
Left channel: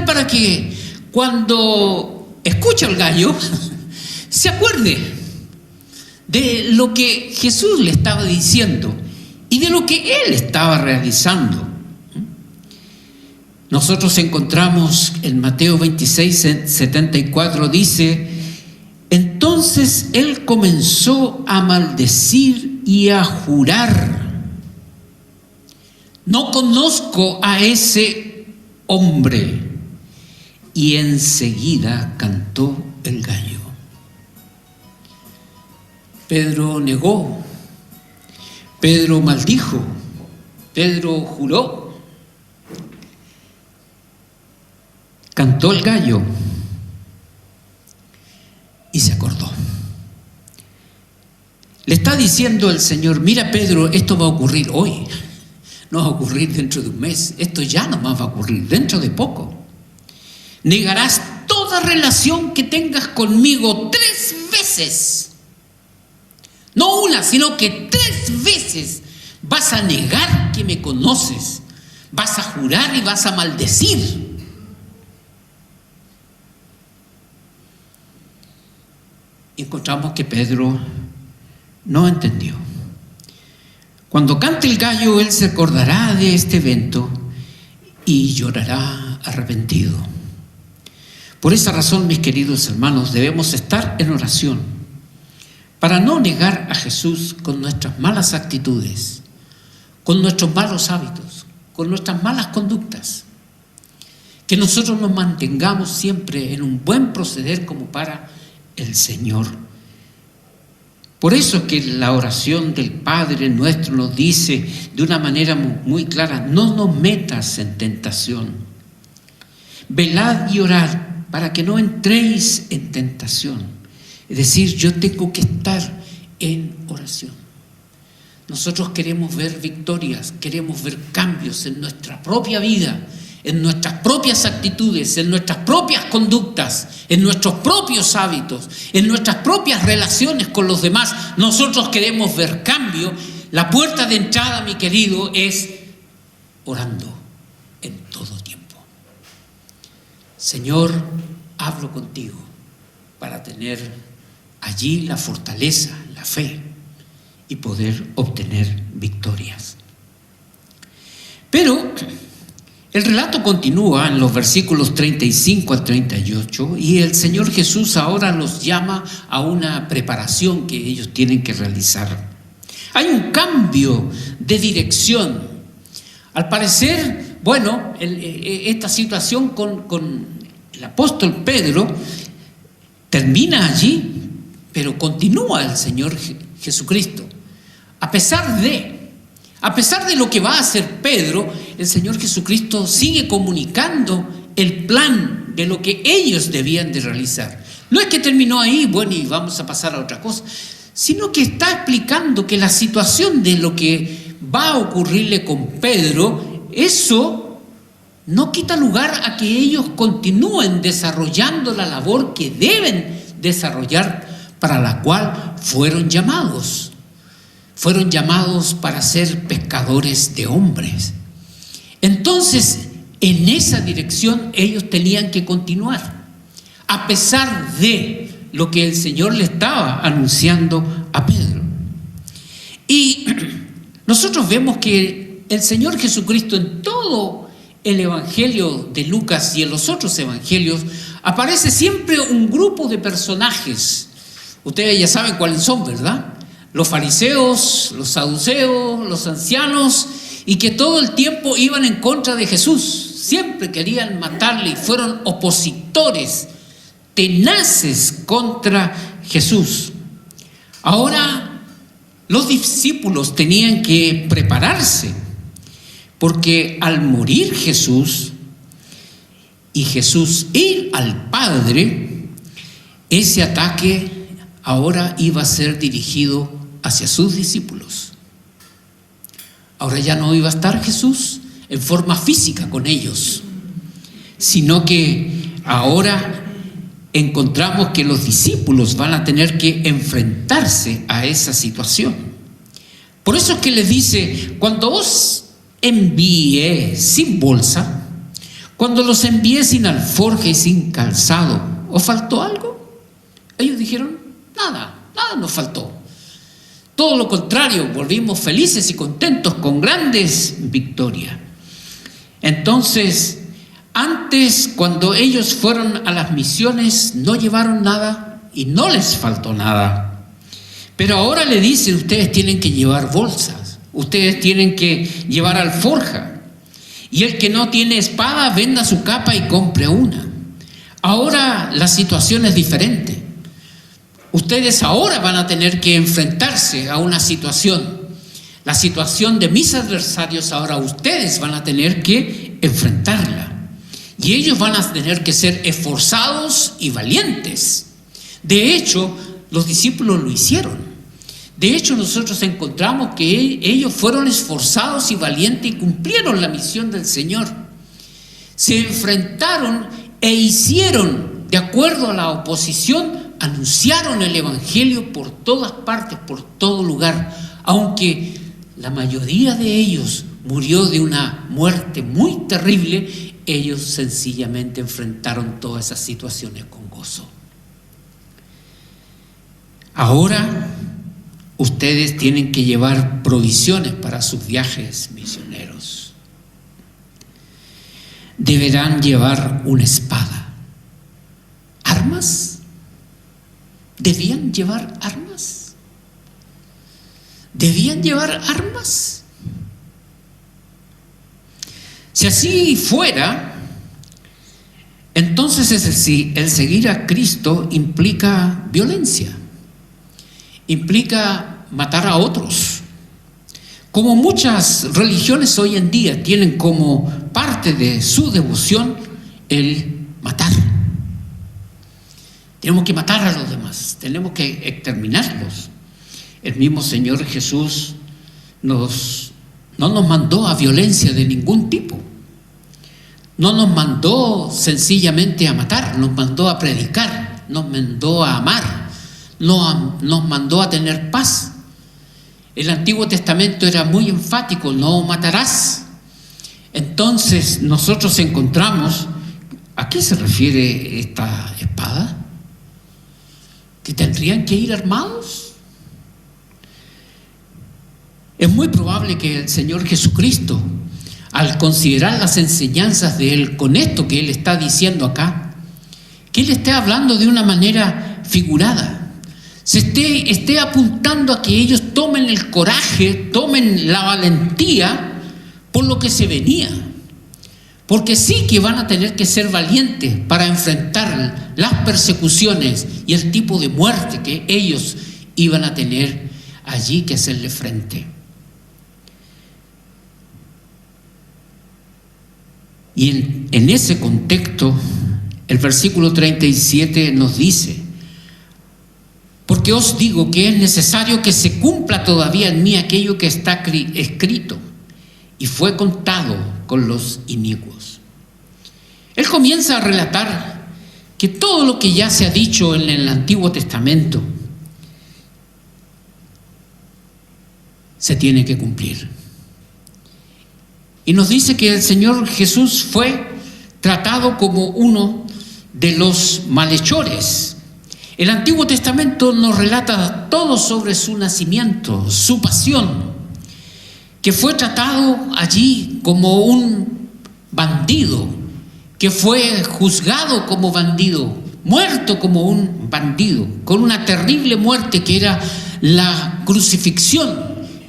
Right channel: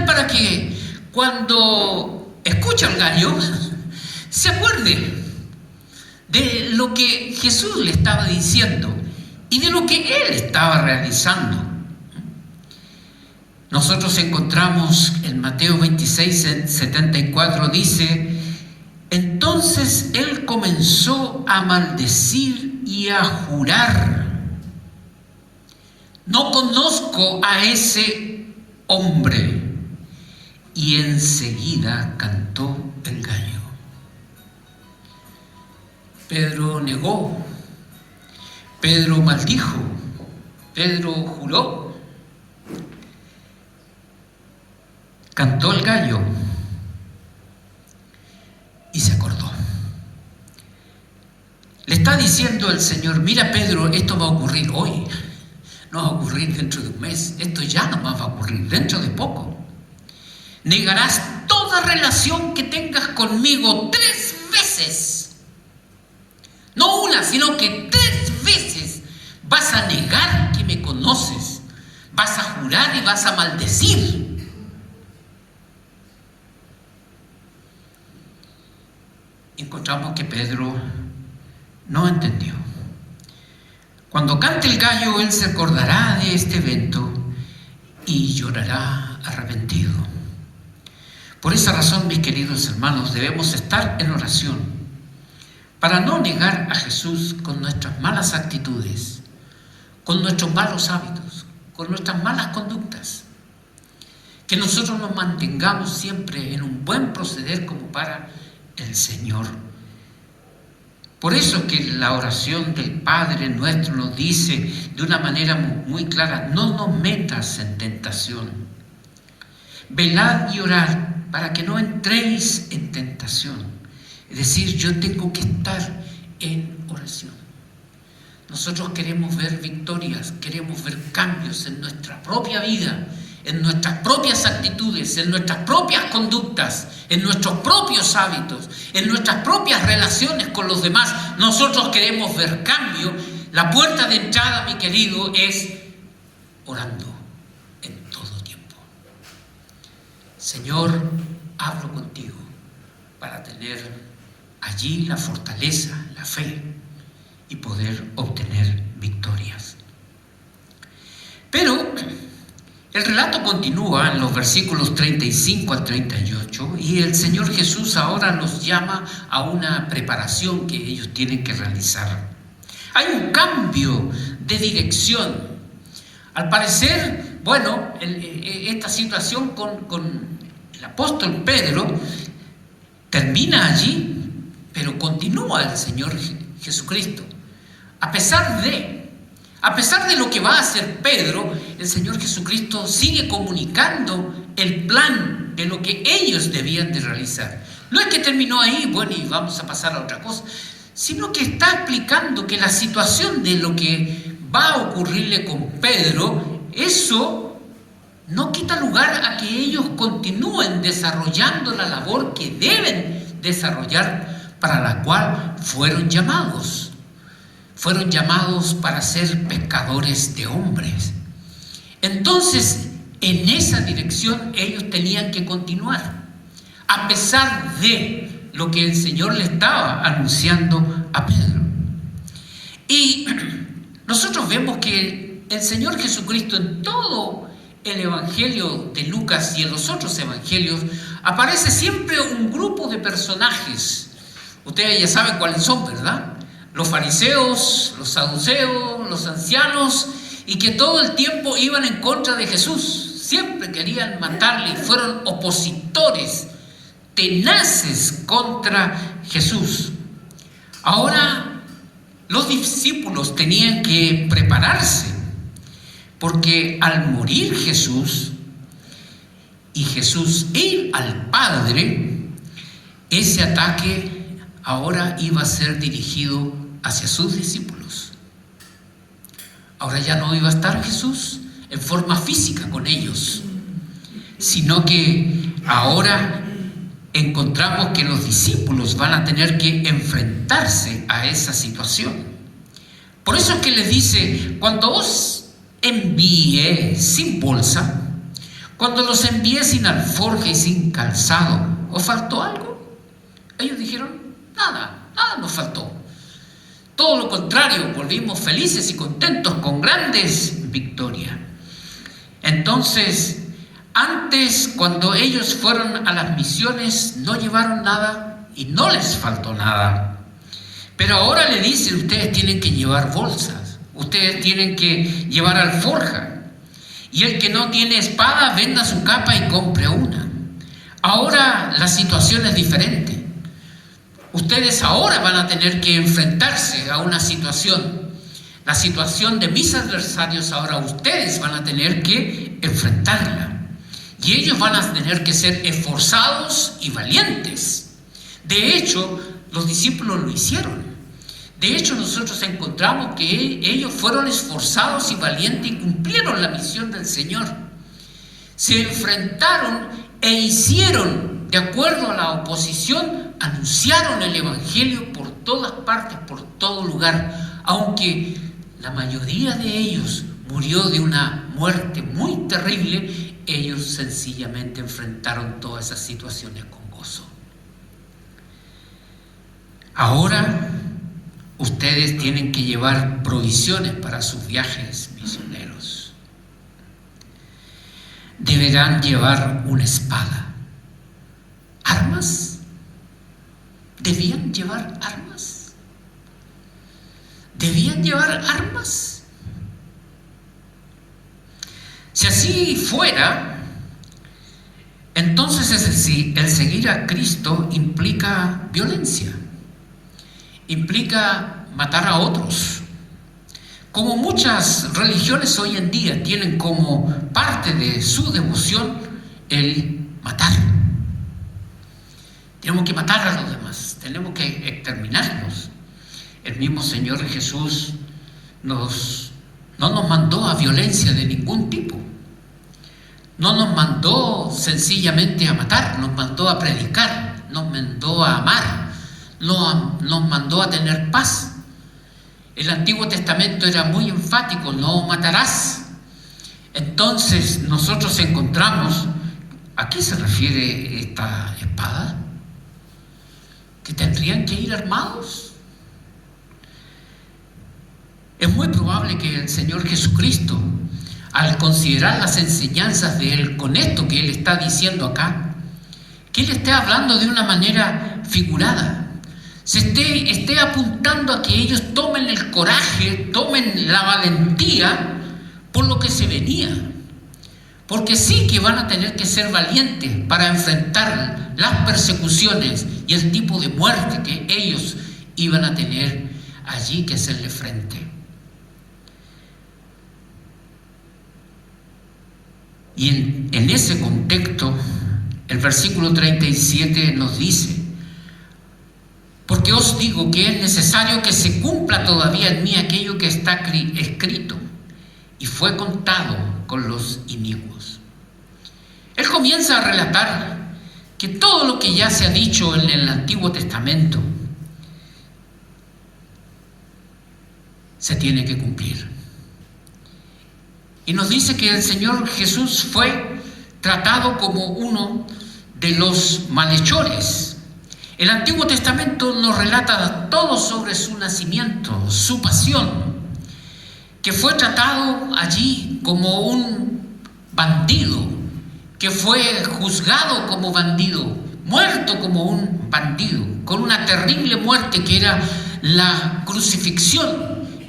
para que cuando escucha el gallo se acuerde de lo que Jesús le estaba diciendo y de lo que él estaba realizando. Nosotros encontramos en Mateo 26:74, dice: entonces él comenzó a maldecir y a jurar: no conozco a ese hombre. Y enseguida cantó el gallo. Pedro negó, Pedro maldijo, Pedro juró, cantó el gallo y se acordó. Le está diciendo el Señor: mira Pedro, esto va a ocurrir hoy, no va a ocurrir dentro de un mes, esto ya no más va a ocurrir dentro de poco. Negarás toda relación que tengas conmigo 3 veces. No una, sino que 3 veces vas a negar que me conoces, vas a jurar y vas a maldecir. Encontramos que Pedro no entendió. Cuando cante el gallo, él se acordará de este evento y llorará arrepentido. Por esa razón, mis queridos hermanos, debemos estar en oración para no negar a Jesús con nuestras malas actitudes, con nuestros malos hábitos, con nuestras malas conductas. Que nosotros nos mantengamos siempre en un buen proceder como para el Señor. Por eso que la oración del Padre nuestro nos dice de una manera muy clara: no nos metas en tentación. Velad y orad para que no entréis en tentación. Es decir, yo tengo que estar en oración. Nosotros queremos ver victorias, queremos ver cambios en nuestra propia vida, en nuestras propias actitudes, en nuestras propias conductas, en nuestros propios hábitos, en nuestras propias relaciones con los demás. Nosotros queremos ver cambio. La puerta de entrada, mi querido, es orando en todo tiempo. Señor, hablo contigo para tener allí la fortaleza, la fe y poder obtener victorias. Pero el relato continúa en los versículos 35 al 38 y el Señor Jesús ahora los llama a una preparación que ellos tienen que realizar. Hay un cambio de dirección. Al parecer, esta situación con el apóstol Pedro termina allí, pero continúa el Señor Jesucristo. A pesar de lo que va a hacer Pedro, el Señor Jesucristo sigue comunicando el plan de lo que ellos debían de realizar. No es que terminó ahí, y vamos a pasar a otra cosa, sino que está explicando que la situación de lo que va a ocurrirle con Pedro, eso no quita lugar a que ellos continúen desarrollando la labor que deben desarrollar, para la cual fueron llamados. Fueron llamados para ser pescadores de hombres. Entonces, en esa dirección ellos tenían que continuar, a pesar de lo que el Señor le estaba anunciando a Pedro. Y nosotros vemos que el Señor Jesucristo en todo el Evangelio de Lucas y en los otros evangelios, aparece siempre un grupo de personajes. Ustedes ya saben cuáles son, ¿verdad? Los fariseos, los saduceos, los ancianos, y que todo el tiempo iban en contra de Jesús. Siempre querían matarle y fueron opositores tenaces contra Jesús. Ahora, los discípulos tenían que prepararse, porque al morir Jesús y Jesús ir al Padre, ese ataque ahora iba a ser dirigido hacia sus discípulos. Ahora ya no iba a estar Jesús en forma física con ellos, sino que ahora encontramos que los discípulos van a tener que enfrentarse a esa situación. Por eso es que les dice: cuando os envié sin bolsa, cuando los envié sin alforja y sin calzado, ¿os faltó algo? Ellos dijeron: nada nos faltó. Todo lo contrario, volvimos felices y contentos con grandes victorias. Entonces, antes, cuando ellos fueron a las misiones, no llevaron nada y no les faltó nada. Pero ahora le dicen: ustedes tienen que llevar bolsas, ustedes tienen que llevar alforja. Y el que no tiene espada, venda su capa y compre una. Ahora la situación es diferente. Ustedes ahora van a tener que enfrentarse a una situación. La situación de mis adversarios, ahora ustedes van a tener que enfrentarla. Y ellos van a tener que ser esforzados y valientes. De hecho, los discípulos lo hicieron. De hecho, nosotros encontramos que ellos fueron esforzados y valientes y cumplieron la misión del Señor. Se enfrentaron e hicieron, de acuerdo a la oposición, anunciaron el Evangelio por todas partes, por todo lugar, aunque la mayoría de ellos murió de una muerte muy terrible. Ellos sencillamente enfrentaron todas esas situaciones con gozo. Ahora ustedes tienen que llevar provisiones para sus viajes misioneros. Deberán llevar una espada. ¿Armas? ¿Debían llevar armas? ¿Debían llevar armas? Si así fuera, entonces el seguir a Cristo implica violencia, implica matar a otros. Como muchas religiones hoy en día tienen como parte de su devoción el matar. Tenemos que matar a los demás, tenemos que exterminarlos. El mismo Señor Jesús no nos mandó a violencia de ningún tipo. No nos mandó sencillamente a matar, nos mandó a predicar, nos mandó a amar, nos mandó a tener paz. El Antiguo Testamento era muy enfático: no matarás. Entonces nosotros encontramos, ¿a qué se refiere esta espada? ¿Que tendrían que ir armados? Es muy probable que el Señor Jesucristo, al considerar las enseñanzas de Él con esto que Él está diciendo acá, que Él esté hablando de una manera figurada, se esté apuntando a que ellos tomen el coraje, tomen la valentía por lo que se venía. Porque sí que van a tener que ser valientes para enfrentar las persecuciones y el tipo de muerte que ellos iban a tener allí que hacerle frente. Y en ese contexto, el versículo 37 nos dice: porque os digo que es necesario que se cumpla todavía en mí aquello que está escrito y fue contado con los inicuos. Él comienza a relatar que todo lo que ya se ha dicho en el Antiguo Testamento se tiene que cumplir. Y nos dice que el Señor Jesús fue tratado como uno de los malhechores. El Antiguo Testamento nos relata todo sobre su nacimiento, su pasión, que fue tratado allí como un bandido, que fue juzgado como bandido, muerto como un bandido, con una terrible muerte que era la crucifixión,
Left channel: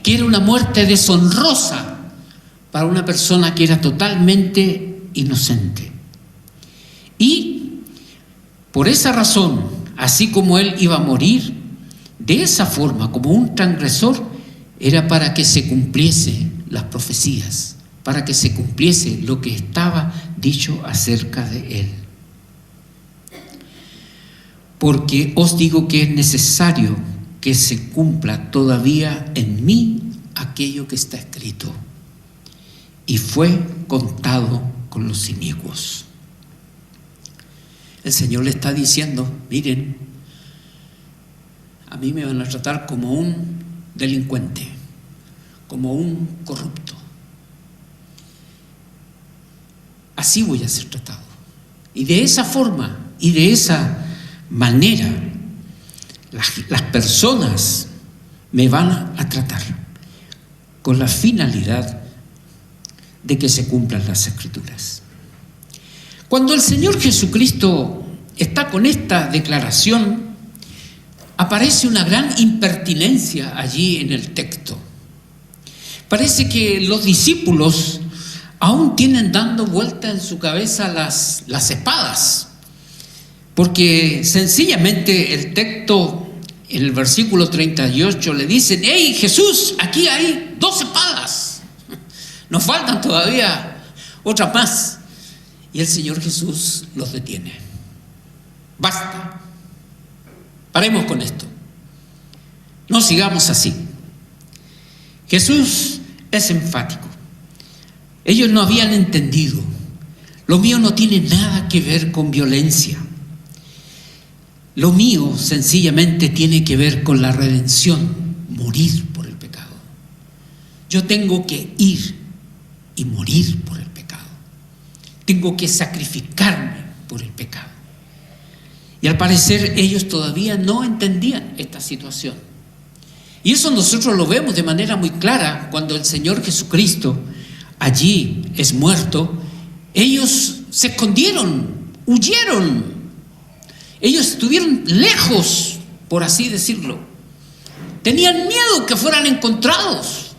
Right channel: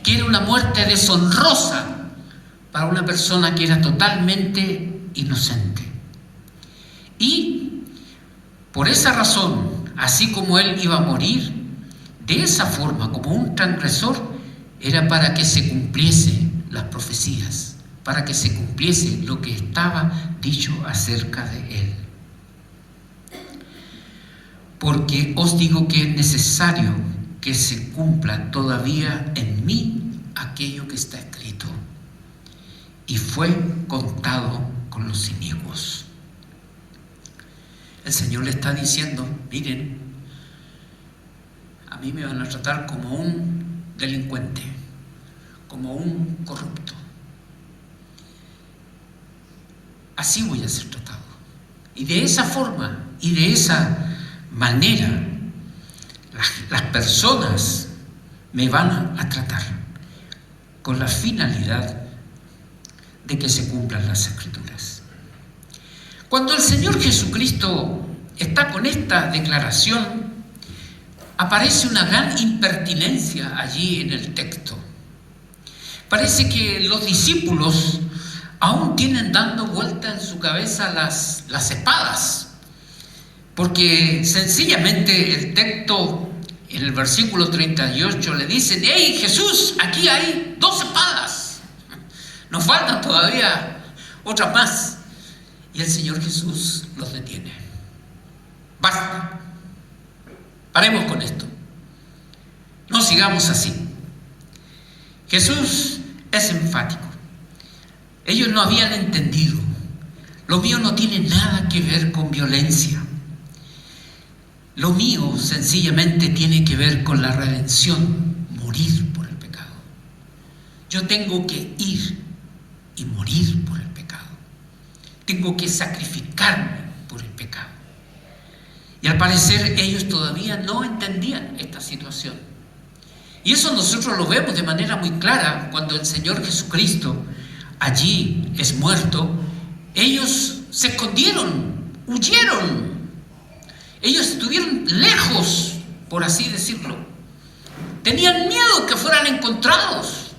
que era una muerte deshonrosa para una persona que era totalmente inocente. Y por esa razón, así como él iba a morir de esa forma, como un transgresor, era para que se cumpliese las profecías, para que se cumpliese lo que estaba dicho acerca de él. Porque os digo que es necesario que se cumpla todavía en mí aquello que está escrito. Y fue contado con los inicuos. El Señor le está diciendo, miren, a mí me van a tratar como un delincuente, como un corrupto. Así voy a ser tratado. Y de esa forma y de esa manera las personas me van a tratar, con la finalidad de que se cumplan las Escrituras. Cuando el Señor Jesucristo está con esta declaración, aparece una gran impertinencia allí en el texto. Parece que los discípulos aún tienen dando vuelta en su cabeza las espadas, porque sencillamente el texto en el versículo 38 le dicen: ¡Hey Jesús, aquí hay 2 espadas! Nos faltan todavía otras más. Y el Señor Jesús los detiene. Basta. Paremos con esto. No sigamos así. Jesús es enfático. Ellos no habían entendido. Lo mío no tiene nada que ver con violencia. Lo mío sencillamente tiene que ver con la redención, morir por el pecado. Yo tengo que ir y morir por el pecado. Tengo que sacrificarme por el pecado. Y al parecer ellos todavía no entendían esta situación. Y eso nosotros lo vemos de manera muy clara cuando el Señor Jesucristo allí es muerto. Ellos se escondieron, huyeron. Ellos estuvieron lejos, por así decirlo. Tenían miedo que fueran encontrados.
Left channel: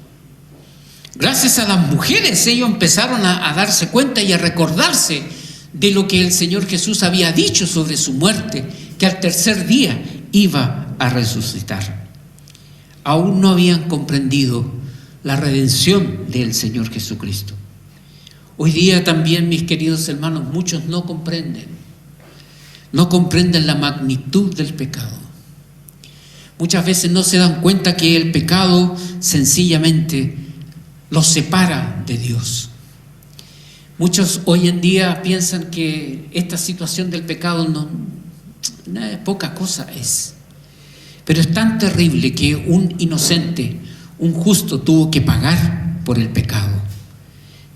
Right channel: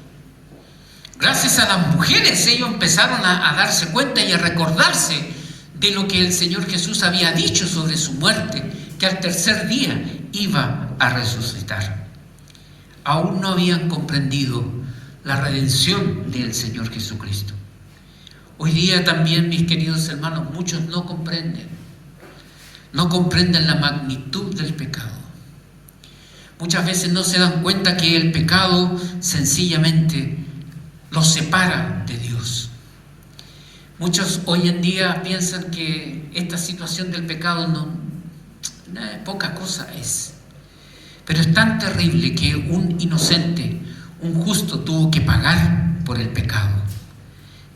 Gracias a las mujeres ellos empezaron a darse cuenta y a recordarse de lo que el Señor Jesús había dicho sobre su muerte, que al tercer día iba a resucitar. Aún no habían comprendido la redención del Señor Jesucristo. Hoy día también, mis queridos hermanos, muchos no comprenden la magnitud del pecado. Muchas veces no se dan cuenta que el pecado sencillamente los separa de Dios. Muchos hoy en día piensan que esta situación del pecado poca cosa es. Pero es tan terrible que un inocente, un justo, tuvo que pagar por el pecado.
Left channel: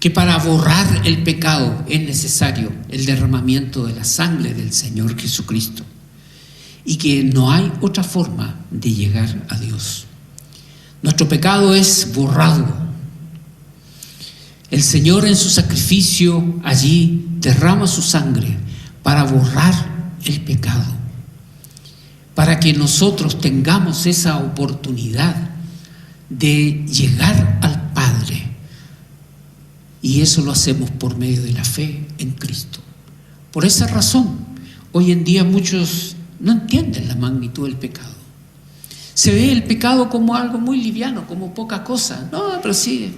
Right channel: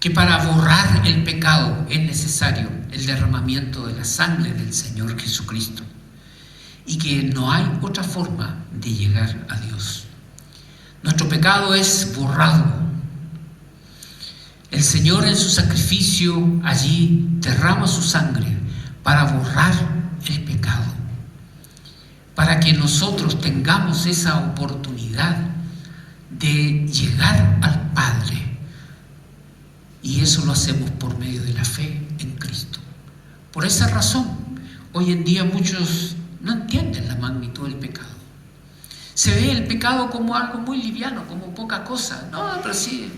Que para borrar el pecado es necesario el derramamiento de la sangre del Señor Jesucristo. Y que no hay otra forma de llegar a Dios. Nuestro pecado es borrado. El Señor en su sacrificio allí derrama su sangre para borrar el pecado, para que nosotros tengamos esa oportunidad de llegar al Padre. Y eso lo hacemos por medio de la fe en Cristo. Por esa razón, hoy en día muchos no entienden la magnitud del pecado. Se ve el pecado como algo muy liviano, como poca cosa. No, pero sí,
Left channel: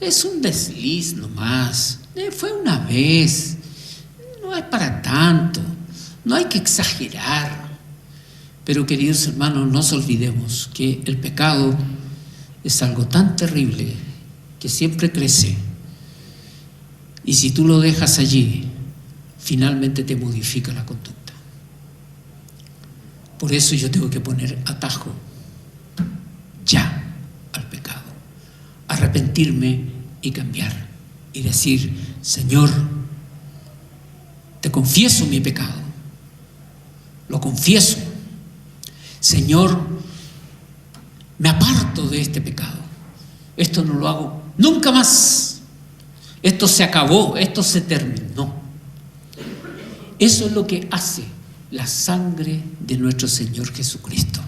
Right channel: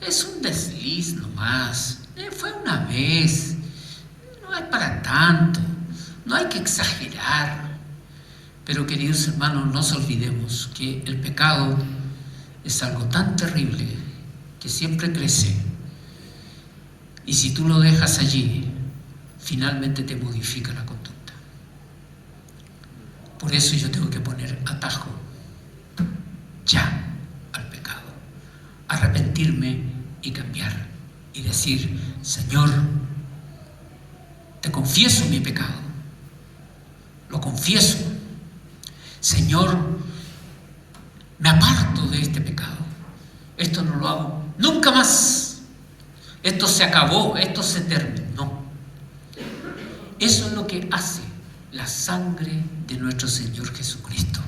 es un desliz nomás, fue una vez, no es para tanto, no hay que exagerar. Pero queridos hermanos, no nos olvidemos que el pecado es algo tan terrible que siempre crece, y si tú lo dejas allí, finalmente te modifica la conducta. Por eso yo tengo que poner atajo ya al pecado, arrepentirme y cambiar y decir: Señor, te confieso mi pecado, lo confieso. Señor, me aparto de este pecado, esto no lo hago nunca más, esto se acabó, esto se terminó. Eso es lo que hace la sangre de nuestro Señor Jesucristo.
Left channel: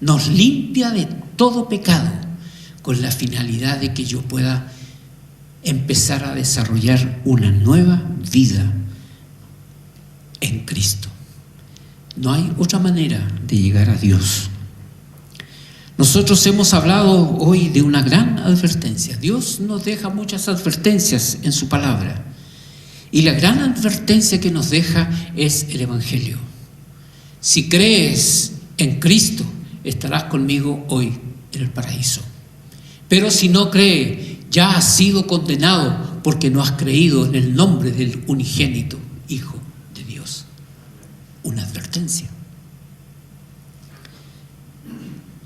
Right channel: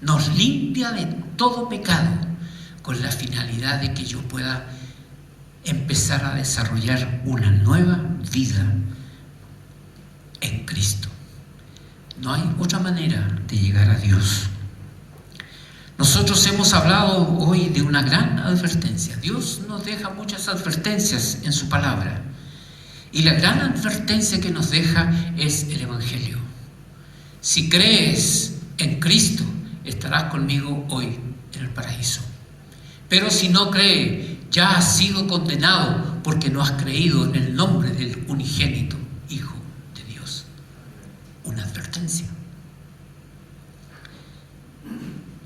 Nos limpia de todo pecado con la finalidad de que yo pueda empezar a desarrollar una nueva vida en Cristo. No hay otra manera de llegar a Dios. Nosotros hemos hablado hoy de una gran advertencia. Dios nos deja muchas advertencias en su palabra. Y la gran advertencia que nos deja es el Evangelio. Si crees en Cristo, estarás conmigo hoy en el paraíso. Pero si no crees, ya has sido condenado porque no has creído en el nombre del unigénito Hijo de Dios. Una advertencia.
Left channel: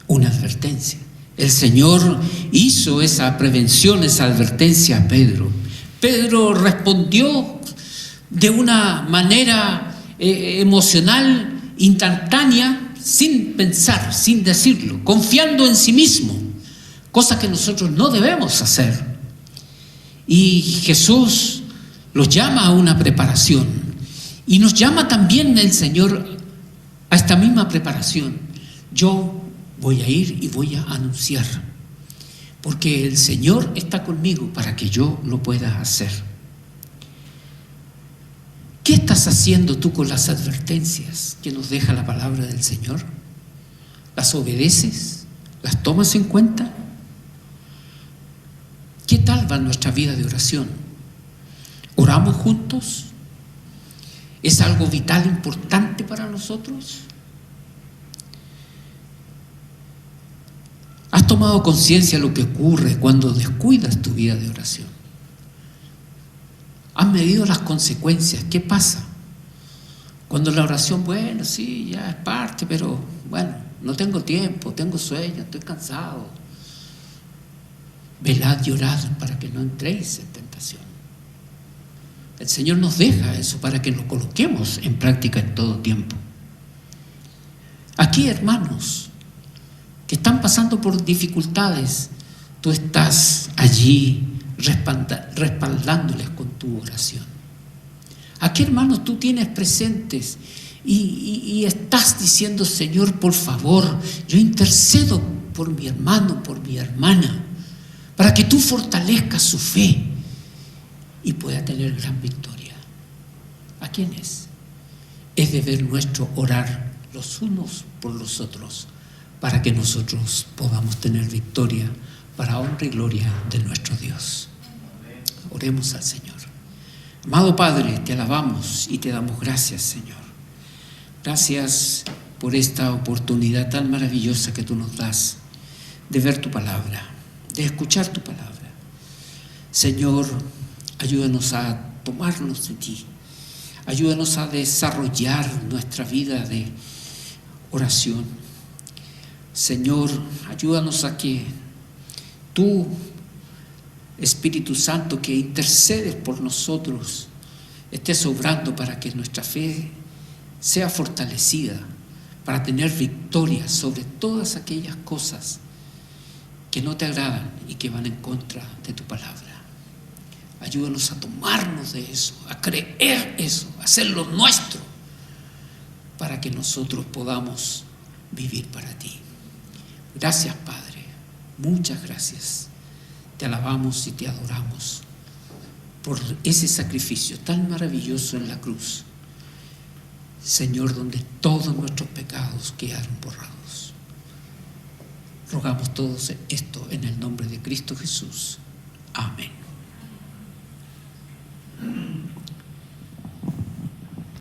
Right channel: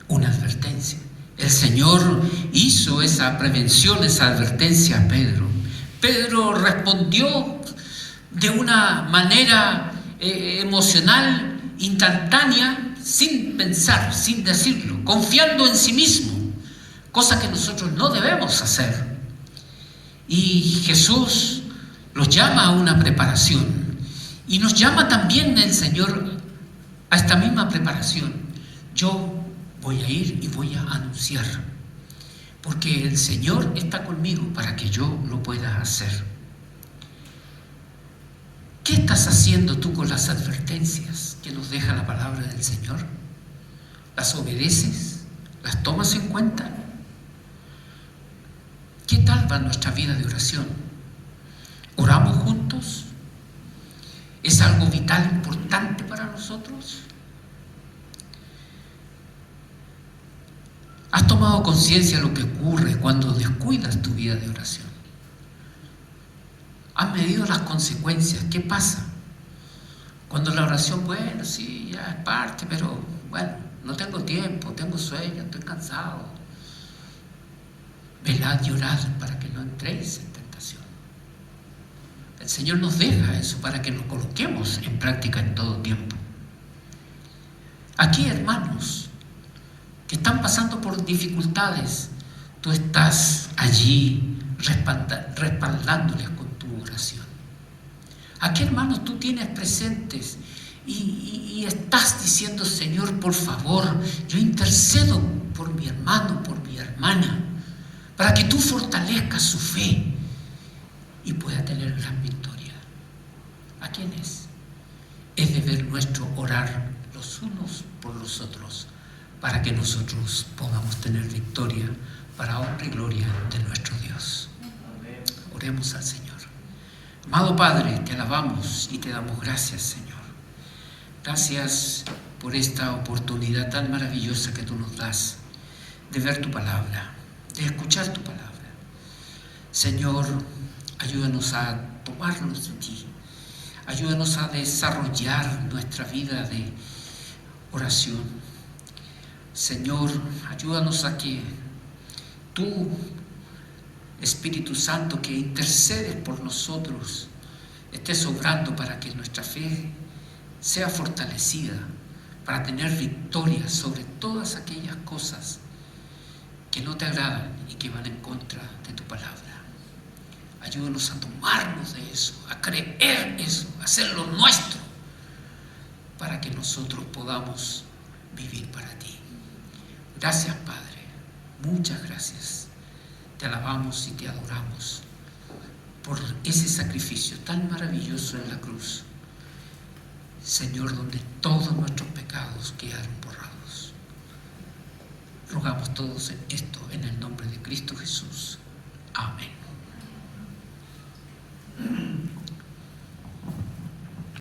Una advertencia. El Señor hizo esa prevención, esa advertencia a Pedro. Pedro respondió de una manera emocional, instantánea, sin pensar, sin decirlo, confiando en sí mismo, cosa que nosotros no debemos hacer. Y Jesús los llama a una preparación, y nos llama también el Señor a esta misma preparación. Yo voy a ir y voy a anunciar, porque el Señor está conmigo para que yo lo pueda hacer. ¿Qué estás haciendo tú con las advertencias que nos deja la palabra del Señor? ¿Las obedeces? ¿Las tomas en cuenta? ¿Qué tal va nuestra vida de oración? ¿Oramos juntos? ¿Es algo vital, importante para nosotros? ¿Has tomado conciencia de lo que ocurre cuando descuidas tu vida de oración? ¿Has medido las consecuencias? ¿Qué pasa? Cuando la oración, bueno, sí, ya es parte, pero bueno, no tengo tiempo, tengo sueño, estoy cansado. Velad y orad para que no entréis en tentación. El Señor nos deja eso para que lo coloquemos en práctica en todo tiempo. Aquí, hermanos, que están pasando por dificultades, tú estás allí respaldándoles con tu oración. Aquí, hermanos, tú tienes presentes y estás diciendo: Señor, por favor, yo intercedo por mi hermano, por mi hermana, para que tú fortalezcas su fe y pueda tener gran victoria. ¿A quién es? Es deber nuestro orar los unos por los otros, para que nosotros podamos tener victoria para honra y gloria de nuestro Dios. Oremos al Señor. Amado Padre, te alabamos y te damos gracias, Señor. Gracias por esta oportunidad tan maravillosa que tú nos das de ver tu palabra, de escuchar tu palabra. Señor, ayúdanos a tomarnos de ti. Ayúdanos a desarrollar nuestra vida de oración. Señor, ayúdanos a que tú, Espíritu Santo, que intercedes por nosotros, estés obrando para que nuestra fe sea fortalecida, para tener victoria sobre todas aquellas cosas que no te agradan y que van en contra de tu palabra. Ayúdanos a tomarnos de eso, a creer eso, a hacerlo nuestro, para que nosotros podamos vivir para ti. Gracias, Padre, muchas gracias. Te alabamos y te adoramos por ese sacrificio tan maravilloso en la cruz, Señor, donde todos nuestros pecados quedaron borrados. Rogamos todos esto en el nombre de Cristo Jesús.